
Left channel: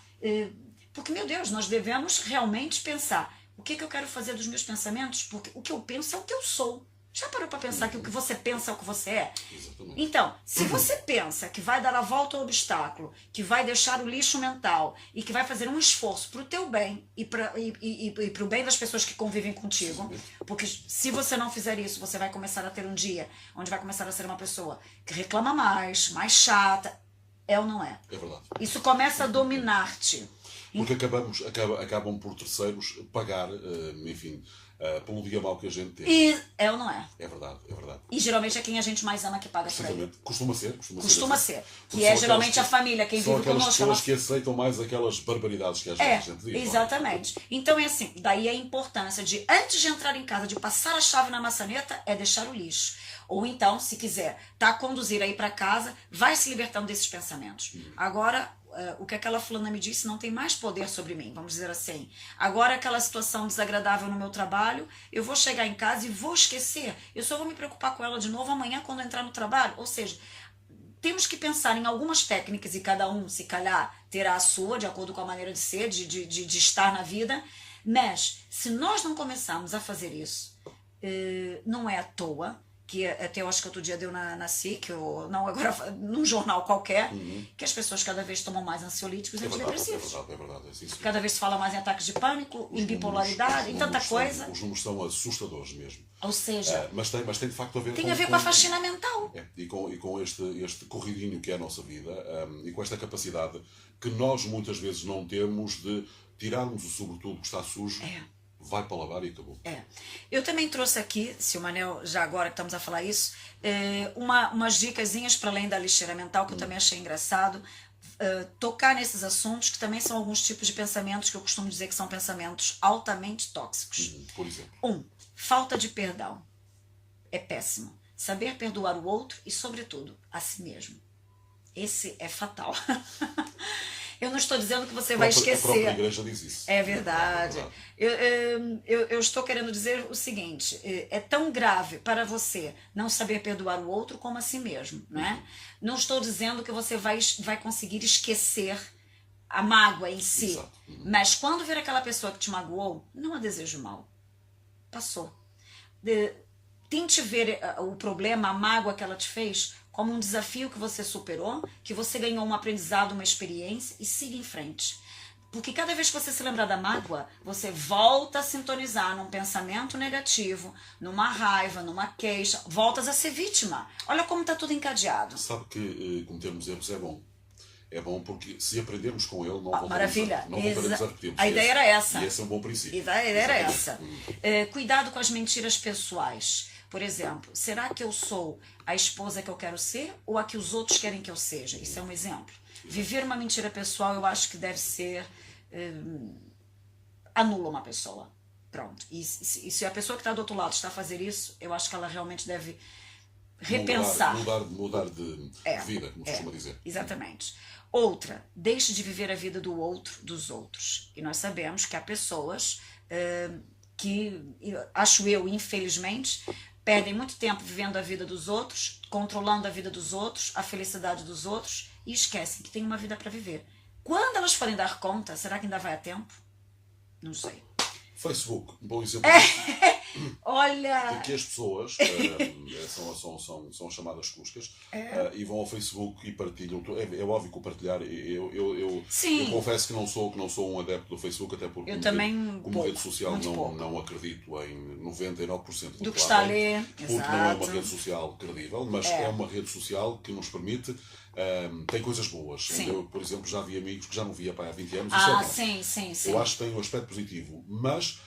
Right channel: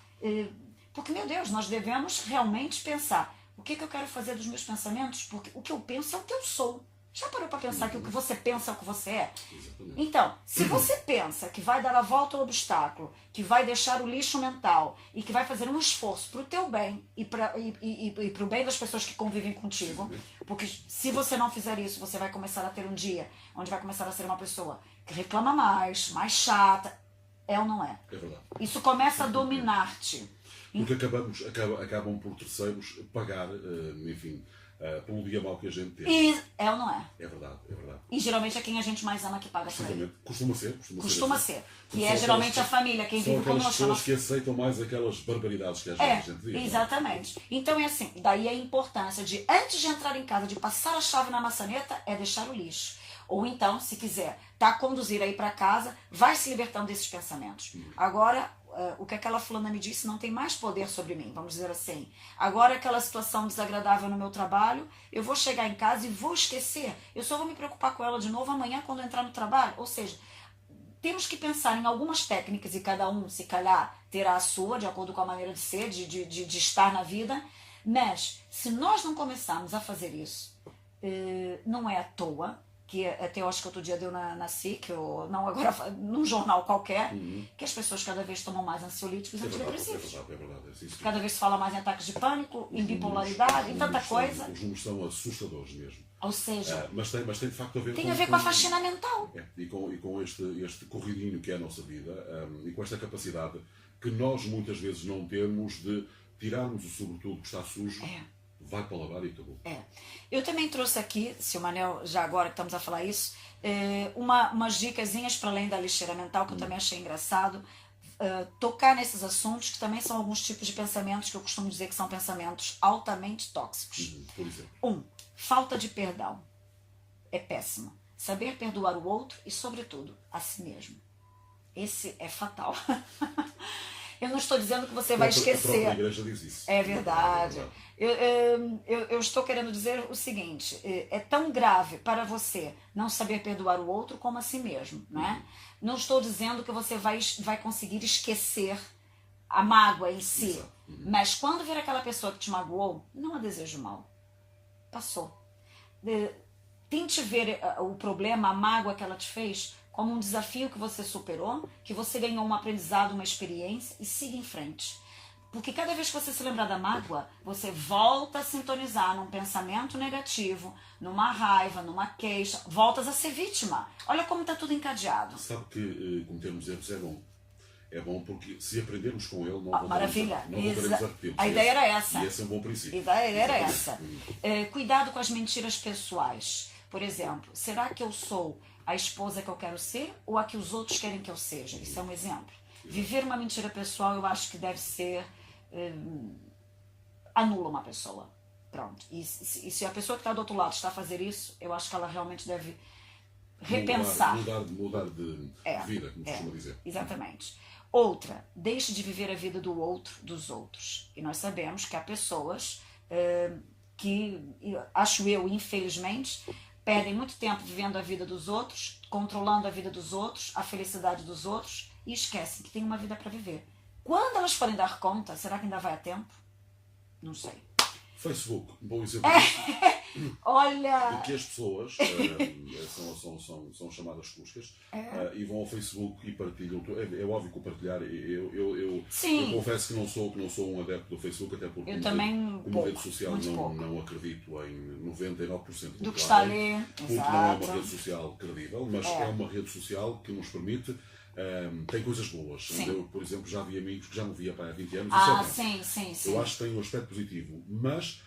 Porque, meu Deus, nós devemos realmente pensar. O que eu quero fazer dos meus pensamentos? Porque o que eu penso é o que eu sou. Já parou para pensar que o que você pensa é o que você é? Exatamente. Então, se você pensa que vai dar a volta ao obstáculo, que vai deixar o lixo mental e que vai fazer um esforço para o teu bem e para o bem das pessoas que convivem contigo, porque se você não fizer isso, você vai começar a ter um dia onde vai começar a ser uma pessoa que reclama mais chata. É ou não é? É verdade. Isso começa a dominar-te. Porque acabam por terceiros pagar, enfim... pelo dia mau que a gente tem. E é ou não é? É verdade, é verdade. E geralmente é quem a gente mais ama que paga por aí. Costuma ser. Que é geralmente a família, quem vive conosco. São as pessoas que aceitam mais aquelas barbaridades que a gente diz. Exatamente. Então é assim, daí a importância de, antes de entrar em casa, de passar a chave na maçaneta, é deixar o lixo. Ou então, se quiser, tá a conduzir aí para casa, vai se libertando desses pensamentos. Agora, o que aquela fulana me disse não tem mais poder sobre mim, vamos dizer assim. Agora, aquela situação desagradável no meu trabalho, eu vou chegar em casa e vou esquecer. Eu só vou me preocupar com ela de novo amanhã quando eu entrar no trabalho. Ou seja, temos que pensar em algumas técnicas e cada um, se calhar, terá a sua, de acordo com a maneira de ser, de estar na vida. Mas, se nós não começarmos a fazer isso, não é à toa, que até eu acho que outro dia deu na SIC, ou não, agora num jornal qualquer, que as pessoas cada vez tomam mais ansiolíticos e antidepressivos. É verdade. Sim. Cada vez se fala mais em ataques de pânico, em bipolaridade, em tanta coisa. Os números são assustadores mesmo. Ou seja, mas tem de facto a ver tem a ver com a faxina mental. E com este corridinho que é a nossa vida, e com esta capacidade que nós muitas vezes não temos de tirarmos o sobretudo que está sujo, vai para lavar e acabou. Eu também trouxe aqui, se o Manel, já agora que estamos a falar isso, umas dicasinhas para além da lixeira mental, que eu também achei engraçado, tocar nesses assuntos, que também são alguns tipos de pensamentos que eu costumo dizer que são pensamentos altamente tóxicos. Por exemplo. Falta de perdão. É péssimo. Saber perdoar o outro e, sobretudo, a si mesmo. Esse é fatal. Eu não estou dizendo que você vai esquecer. A própria igreja diz isso. É verdade. Eu estou querendo dizer o seguinte, é tão grave para você não saber perdoar o outro como a si mesmo, né? Não estou dizendo que você vai conseguir esquecer a mágoa em si, mas quando ver aquela pessoa que te magoou, não a desejo mal. Passou. Tente ver o problema, a mágoa que ela te fez, como um desafio que você superou, que você ganhou um aprendizado, uma experiência, e siga em frente. Porque cada vez que você se lembrar da mágoa, você volta a sintonizar num pensamento negativo, numa raiva, numa queixa, voltas a ser vítima. Olha como está tudo encadeado. Sabe que cometermos erros é bom. É bom porque se aprendermos com ele, não voltaremos maravilha. Não voltaremos a repetir. A ideia era essa. E esse é um bom princípio. A ideia era essa. Cuidado com as mentiras pessoais. Por exemplo, será que eu sou a esposa que eu quero ser ou a que os outros querem que eu seja? Isso é um exemplo. Viver uma mentira pessoal, eu acho que deve ser... anula uma pessoa. Pronto. E se a pessoa que está do outro lado está a fazer isso, eu acho que ela realmente deve repensar. Mudar de vida, como se costuma dizer. Exatamente. Outra, deixe de viver a vida do outro, dos outros. E nós sabemos que há pessoas que, acho eu, infelizmente, perdem muito tempo vivendo a vida dos outros, controlando a vida dos outros, a felicidade dos outros, e esquecem que tem uma vida para viver. Quando elas forem dar conta, será que ainda vai a tempo? Não sei. Facebook, um bom exemplo. Olha... Porque as pessoas são chamadas cuscas e vão ao Facebook e partilham. É óbvio que o partilhar, eu confesso que não sou um adepto do Facebook, até porque como rede social não acredito em 99% do que está ali. Porque não é uma rede social credível, mas é uma rede social que nos permite... tem coisas boas. Eu, por exemplo, já vi amigos que já não via há 20 anos. Sim. Eu acho que tem um aspecto positivo, mas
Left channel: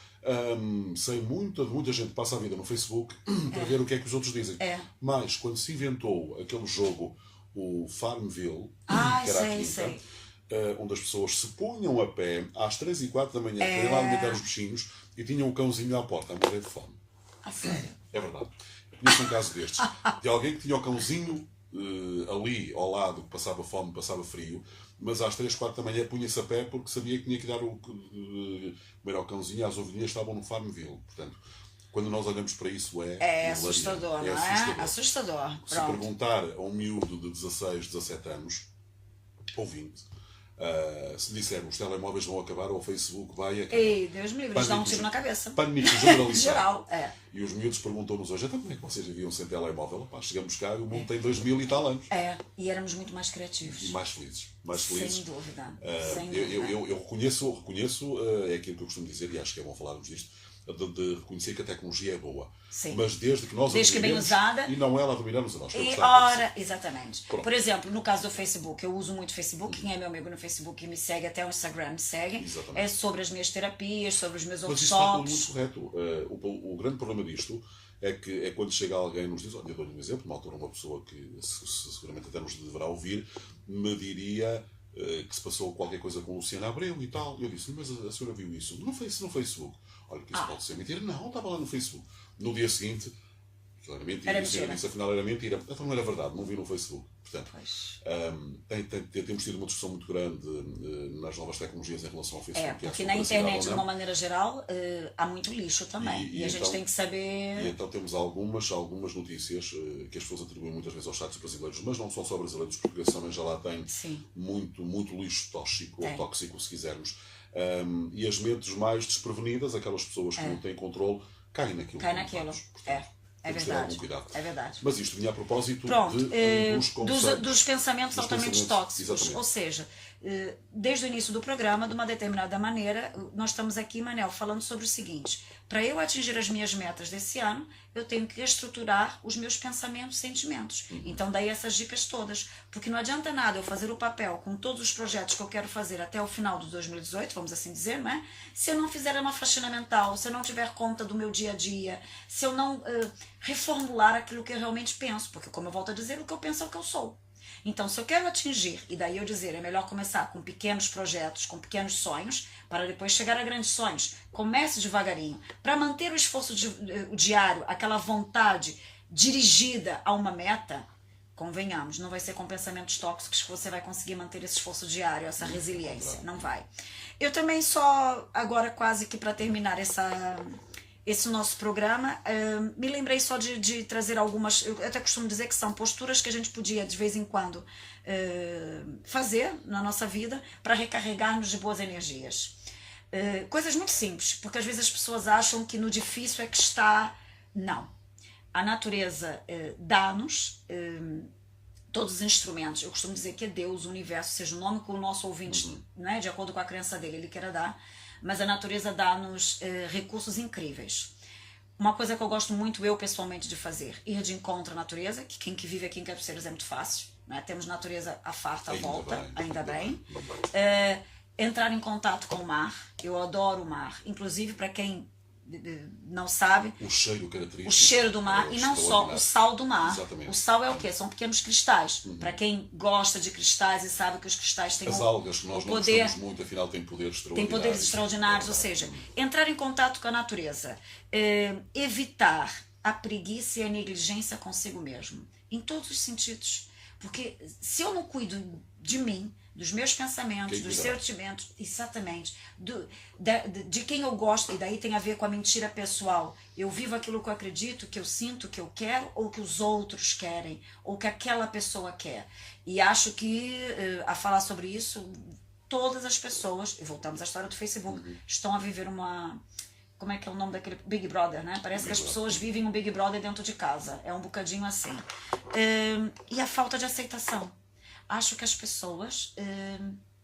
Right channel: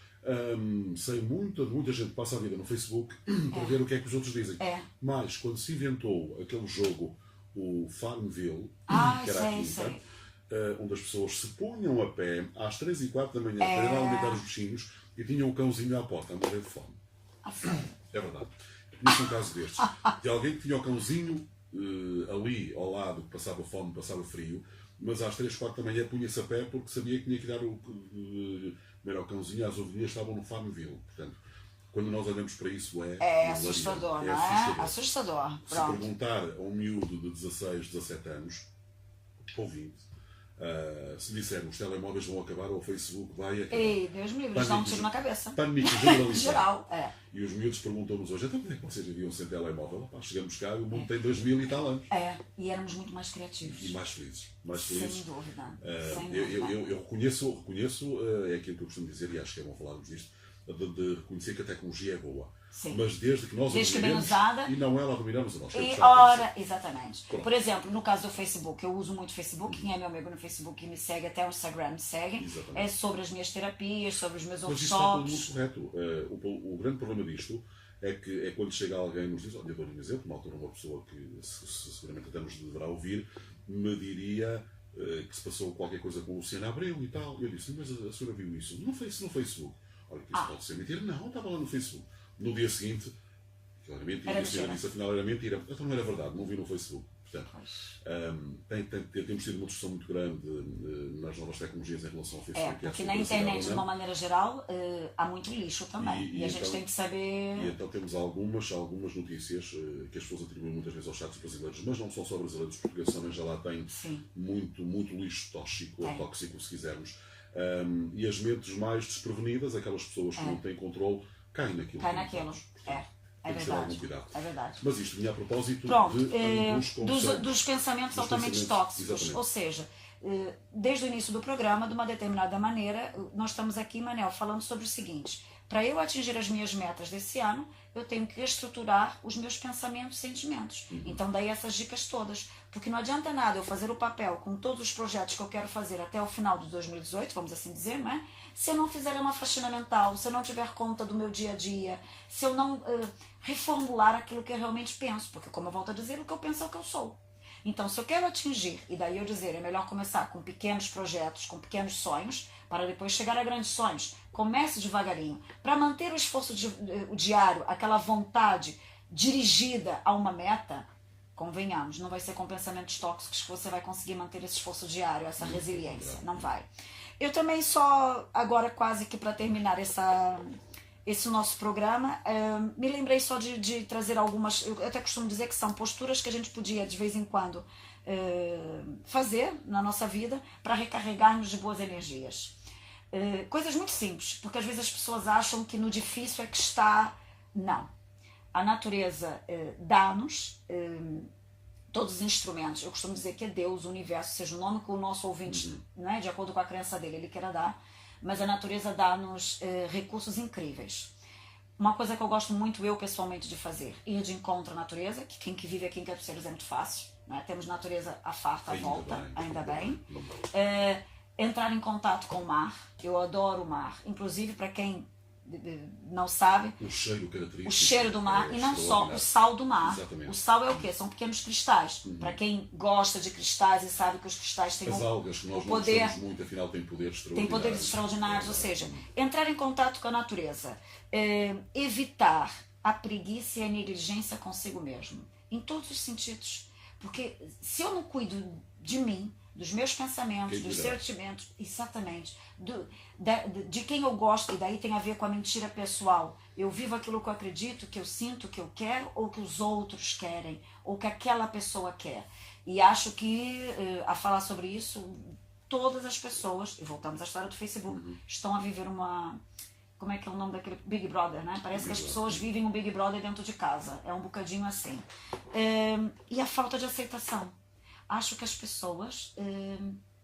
sei muita gente passa a vida no Facebook para ver o que é que os outros dizem. Mas quando se inventou aquele jogo, o Farmville, que era aqui, onde as pessoas se punham a pé às 3 e 4 da manhã para ir lá alimentar os bichinhos e tinham um cãozinho à porta a morrer de fome. É verdade. Eu conheço um caso destes, de alguém que tinha o cãozinho ali ao lado, que passava fome, passava frio, mas às 3, 4 da manhã punha-se a pé porque sabia que tinha que dar comer ao cãozinho, as ovelhinhas estavam no Farmville. Portanto, quando nós olhamos para isso é assustador, não é? Assustador. Se perguntar a um miúdo de 16, 17 anos, ou 20, se dissermos os telemóveis vão acabar ou o Facebook vai acabar. Ei, Deus me livre, dá um tiro na cabeça. Pânico generalizado. Geral, E os miúdos perguntam-nos hoje, então como é que vocês viviam sem telemóvel? Pá, chegamos cá e o mundo tem 2000 e tal anos. E éramos muito mais criativos. E mais felizes. Sem dúvida. Eu reconheço, é aquilo que eu costumo dizer, e acho que é bom falarmos disto, de reconhecer que a tecnologia é boa. Sim. Mas desde que nós desde que bem usada e não ela a dominar-nos a nós. Exatamente. Pronto. Por exemplo, no caso do Facebook, eu uso muito o Facebook. Quem é meu amigo no Facebook e me segue, até o Instagram me segue. Exatamente. É sobre as minhas terapias, sobre os meus workshops. Mas isso está tudo muito correto. O grande problema disto é quando chega alguém e nos diz, olha, eu dou-lhe um exemplo, uma altura uma pessoa que seguramente até nos deverá ouvir, me diria que se passou qualquer coisa com Luciana Abreu e tal. E eu disse, mas a senhora viu isso? Não foi isso no Facebook. Olha, que isso pode ser mentira. Não, estava lá no Facebook. No dia seguinte, claramente. Era E a senhora mentira. disse, afinal era mentira. Então não era verdade, não vi no Facebook. Portanto, Pois. temos tido uma discussão muito grande nas novas tecnologias em relação ao Facebook. Porque na internet, de uma maneira geral, há muito lixo também. E a gente então, tem que saber... E então temos algumas notícias que as pessoas atribuem muitas vezes aos sites brasileiros, mas não são só brasileiros, os portugueses também já lá têm muito lixo tóxico, ou tóxico, se quisermos. E as mentes mais desprevenidas, aquelas pessoas que não têm controle, caem naquilo. É verdade. É verdade. Mas isto vinha a propósito dos pensamentos altamente tóxicos. Exatamente. Ou seja, desde o início do programa, de uma determinada maneira, nós estamos aqui, Manel, falando sobre o seguinte: para eu atingir as minhas metas desse ano, eu tenho que reestruturar os meus pensamentos e sentimentos. Então, daí essas dicas todas. Porque não adianta nada eu fazer o papel com todos os projetos que eu quero fazer até o final de 2018, vamos assim dizer, né? Se eu não fizer uma faxina mental, se eu não tiver conta do meu dia a dia, se eu não reformular aquilo que eu realmente penso. Porque, como eu volto a dizer, o que eu penso é o que eu sou. Então, se eu quero atingir, e daí eu dizer, é melhor começar com pequenos projetos, com pequenos sonhos, para depois chegar a grandes sonhos. Comece devagarinho. Para manter o esforço diário, aquela vontade dirigida a uma meta, convenhamos, não vai ser com pensamentos tóxicos que você vai conseguir manter esse esforço diário, essa resiliência. Não vai. Eu também só, agora quase que para terminar esse nosso programa, me lembrei só de trazer algumas, eu até costumo dizer que são posturas que a gente podia de vez em quando fazer na nossa vida para recarregarmos de boas energias. Coisas muito simples, porque às vezes as pessoas acham que no difícil é que está. Não. A natureza dá-nos todos os instrumentos. Eu costumo dizer que é Deus, o universo, seja o nome que o nosso ouvinte, né, de acordo com a crença dele, ele queira dar, mas a natureza dá-nos recursos incríveis. Uma coisa que eu gosto muito, eu pessoalmente, de fazer, ir de encontro à natureza, que quem que vive aqui em Cabeceiras é muito fácil, né? Temos natureza à farta, à volta, ainda bem. Entrar em contato com o mar, eu adoro o mar, inclusive para quem não sabe, o cheiro característico, o cheiro do mar, e não só o sal do mar. Exatamente. O sal é o quê? São pequenos cristais. Para quem gosta de cristais e sabe que os cristais têm as algas que nós não poder, gostamos muito, afinal têm poderes extraordinários. Tem poderes extraordinários, ou seja, entrar em contato com a natureza, evitar a preguiça e a negligência consigo mesmo, em todos os sentidos. Porque se eu não cuido de mim, dos meus pensamentos, dos sentimentos, exatamente, de quem eu gosto, e daí tem a ver com a mentira pessoal. Eu vivo aquilo que eu acredito, que eu sinto, que eu quero, ou que os outros querem, ou que aquela pessoa quer. E acho que, a falar sobre isso, todas as pessoas, e voltamos à história do Facebook, estão a viver uma... Como é que é o nome daquele Big Brother, né? Parece que as pessoas vivem um Big Brother dentro de casa. É um bocadinho assim. E a falta de aceitação. Acho que as pessoas,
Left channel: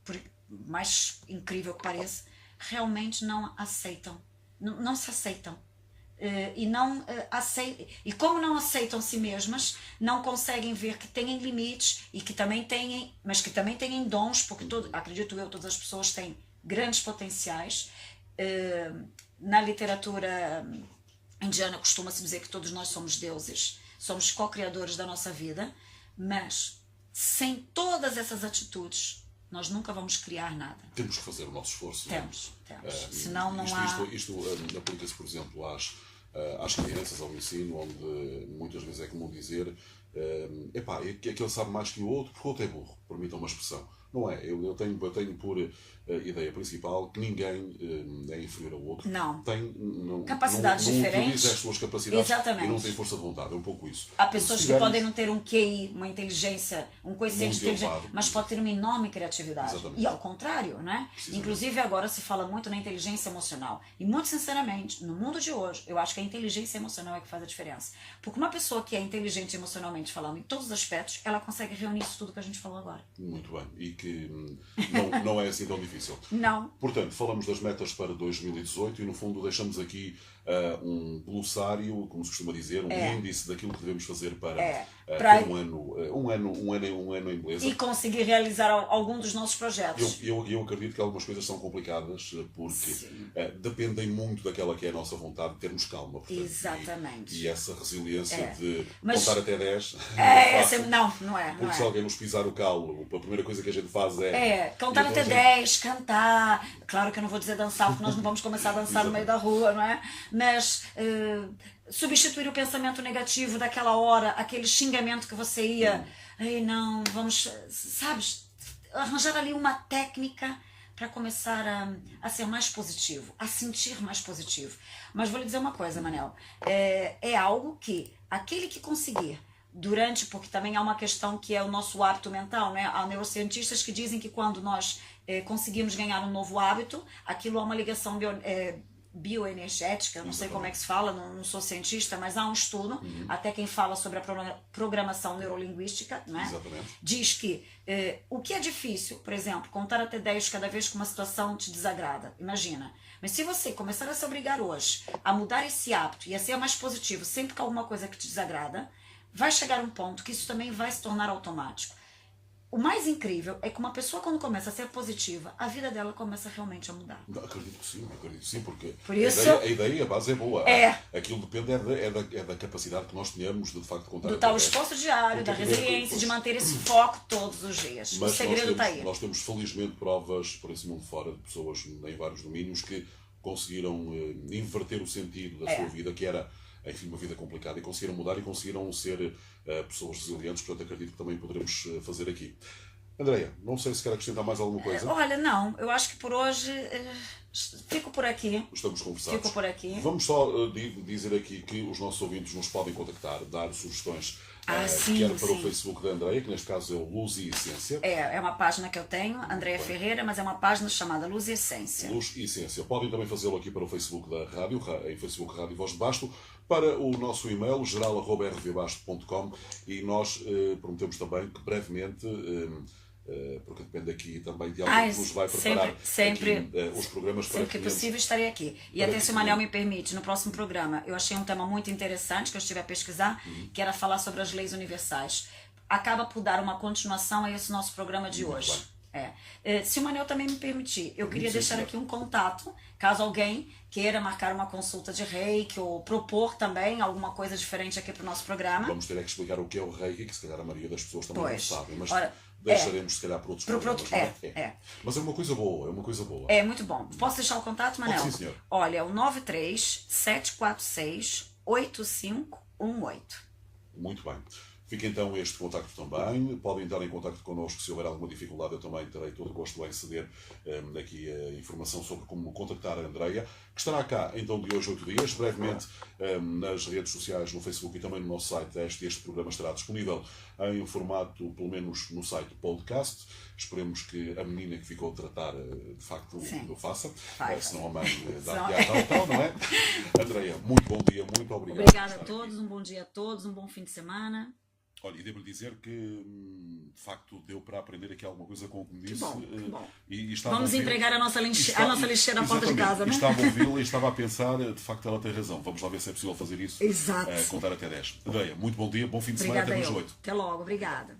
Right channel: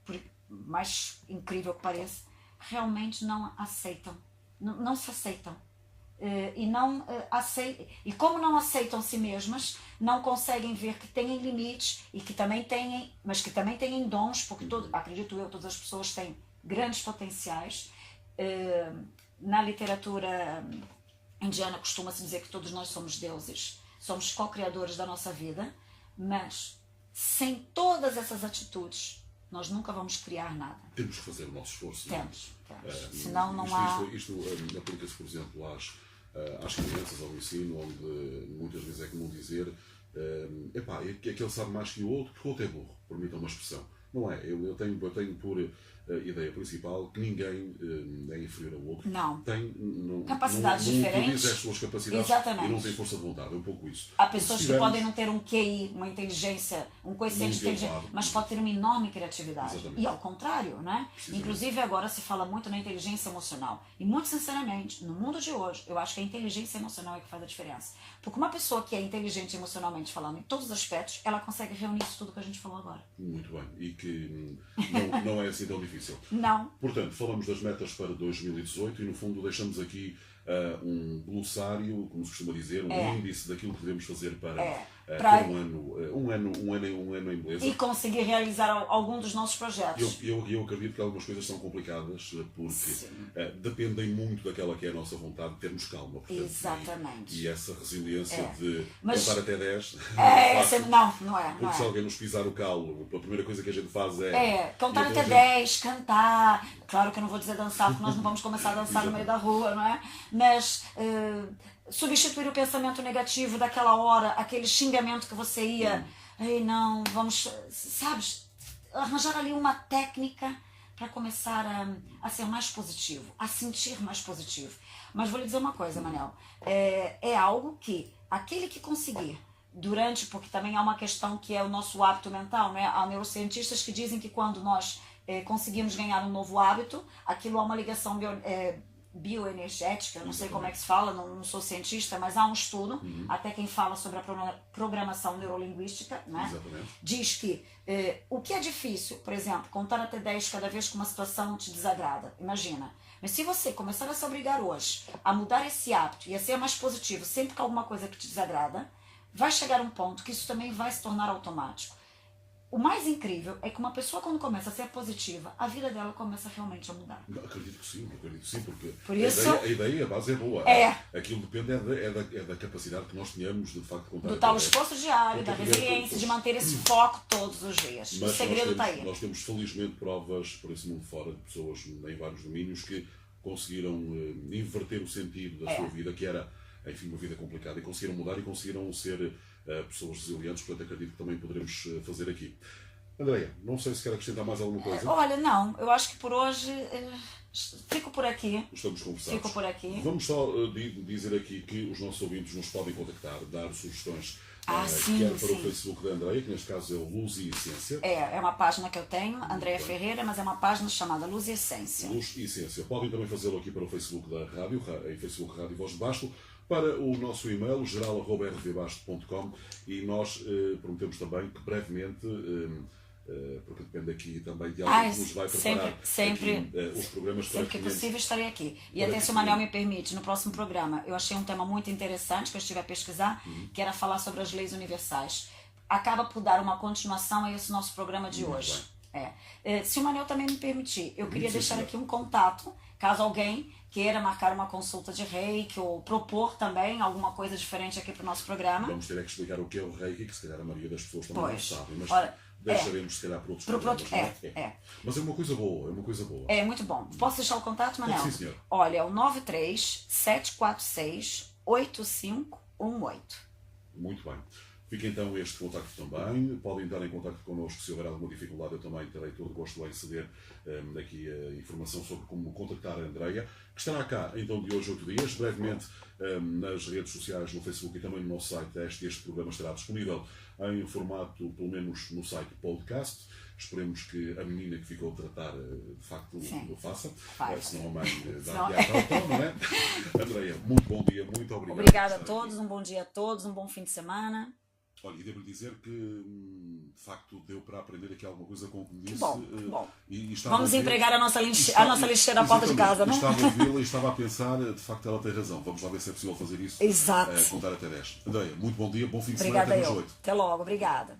por mais incrível que pareça, realmente não aceitam. Não se aceitam. E como não aceitam si mesmas, não conseguem ver que têm limites e que também têm, mas que também têm dons, porque acredito eu, todas as pessoas têm grandes potenciais. Na literatura indiana costuma-se dizer que todos nós somos deuses, somos co-criadores da nossa vida, mas sem todas essas atitudes nós nunca vamos criar nada. Temos que fazer o nosso esforço. Temos. Senão não há... Isto aplica-se, por exemplo, às crianças, ao ensino, onde muitas vezes é comum dizer que aquele sabe mais que o outro porque o outro é burro, permitam uma expressão. Não é? Eu tenho por ideia principal que ninguém é inferior ao outro. Não. Tem capacidades diferentes. Utiliza as suas capacidades. Exatamente. E não tem força de vontade. É um pouco isso. Há pessoas que podem não ter um QI, uma inteligência, um coeficiente de inteligência, mas pode ter uma enorme criatividade. Exatamente. E ao contrário, né? Inclusive agora se fala muito na inteligência emocional. E muito sinceramente, no mundo de hoje, eu acho que a inteligência emocional é que faz a diferença. Porque uma pessoa que é inteligente emocionalmente falando em todos os aspectos, ela consegue reunir isso tudo que a gente falou agora. Muito bem. E que não é assim tão difícil. Não. Portanto, falamos das metas para 2018 e no fundo deixamos aqui um glossário, como se costuma dizer, índice daquilo que devemos fazer para ter um ano em beleza. E conseguir realizar algum dos nossos projetos. Eu acredito que algumas coisas são complicadas porque dependem muito daquela que é a nossa vontade de termos calma. Portanto, exatamente. E essa resiliência de contar até 10. Não é. Porque se alguém nos pisar o calo, a primeira coisa que a gente faz é contar até 10, cantar. Claro que eu não vou dizer dançar, porque nós não vamos começar a dançar no meio da rua, não é? Mas substituir o pensamento negativo daquela hora, aquele xingamento que você ia, ei, não, vamos, sabe, arranjar ali uma técnica para começar a ser mais positivo, a sentir mais positivo. Mas vou lhe dizer uma coisa, Manel, é algo que aquele que conseguir porque também há uma questão que é o nosso hábito mental, né? Há neurocientistas que dizem que quando nós conseguimos ganhar um novo hábito, aquilo há uma ligação bioenergética, eu não sei como é que se fala, não sou cientista, mas há um estudo, até quem fala sobre a programação neurolinguística, né? Diz que o que é difícil, por exemplo, contar até 10 cada vez que uma situação te desagrada, imagina. Mas se você começar a se obrigar hoje a mudar esse hábito e a ser mais positivo sempre que alguma coisa que te desagrada, vai chegar um ponto que isso também vai se tornar automático. O mais incrível é que uma pessoa, quando começa a ser positiva, a vida dela começa realmente a mudar. Acredito que sim, porque por isso, a ideia, a base é boa. Aquilo depende da capacidade que nós tenhamos de facto contar. Do tal esforço diário, da resiliência, de manter esse foco todos os dias. Mas o segredo está aí. Nós temos felizmente provas por esse mundo fora de pessoas em vários domínios que conseguiram inverter o sentido da sua vida, que era, enfim, uma vida complicada, e conseguiram mudar e conseguiram ser pessoas resilientes. Portanto, acredito que também poderemos fazer aqui. Andreia, não sei se quer acrescentar mais alguma coisa. Olha, não, eu acho que por hoje fico por aqui. Estamos conversados. Fico por aqui. Vamos só dizer aqui que os nossos ouvintes nos podem contactar, dar sugestões, sim, quer para o Facebook da Andreia, que neste caso é o Luz e Essência. É uma página que eu tenho, Andreia Ferreira, mas é uma página chamada Luz e Essência. Luz e Essência. Podem também fazê-lo aqui para o Facebook da rádio, em Facebook Rádio Voz de Basto, para o nosso e-mail geral@rvbasto.com, e nós prometemos também que brevemente, porque depende aqui também de algo que nos vai preparar sempre aqui, os programas para sempre que possível estarei aqui. E até se o Manel me permite, no próximo programa, eu achei um tema muito interessante que eu estive a pesquisar, que era falar sobre as leis universais. Acaba por dar uma continuação a esse nosso programa de hoje. Se o Manel também me permitir, eu queria deixar aqui um contato, caso alguém queira marcar uma consulta de Reiki ou propor também alguma coisa diferente aqui para o nosso programa. Vamos ter que explicar o que é o Reiki, que se calhar a maioria das pessoas também não sabem, mas deixaremos se calhar para outros programas. Mas é uma coisa boa, É muito bom. Posso deixar o contato, Manel? Sim, senhor. Olha, é o 93-746-8518. Muito bem. Fica então este contacto também. Podem entrar em contacto connosco se houver alguma dificuldade. Eu também terei todo o gosto em ceder aqui a informação sobre como contactar a Andreia, que estará cá então de hoje 8 dias, brevemente nas redes sociais, no Facebook e também no nosso site. Este programa estará disponível em formato, pelo menos no site podcast. Esperemos que a menina que ficou a tratar de facto o faça, senão a mãe dá tal, não é? Andreia, muito bom dia, muito obrigado. Obrigada a todos, um bom dia a todos, um bom fim de semana. Olha, e devo dizer que, de facto, deu para aprender aqui alguma coisa com o que me disse. Que bom. E vamos empregar a nossa lixeira à porta de casa, né? Estava a ouvi-la e estava a pensar, de facto, ela tem razão. Vamos lá ver se é possível fazer isso. Exato. Contar até 10. Andreia, muito bom dia, bom fim de semana. Obrigada, até logo. Até logo, obrigada.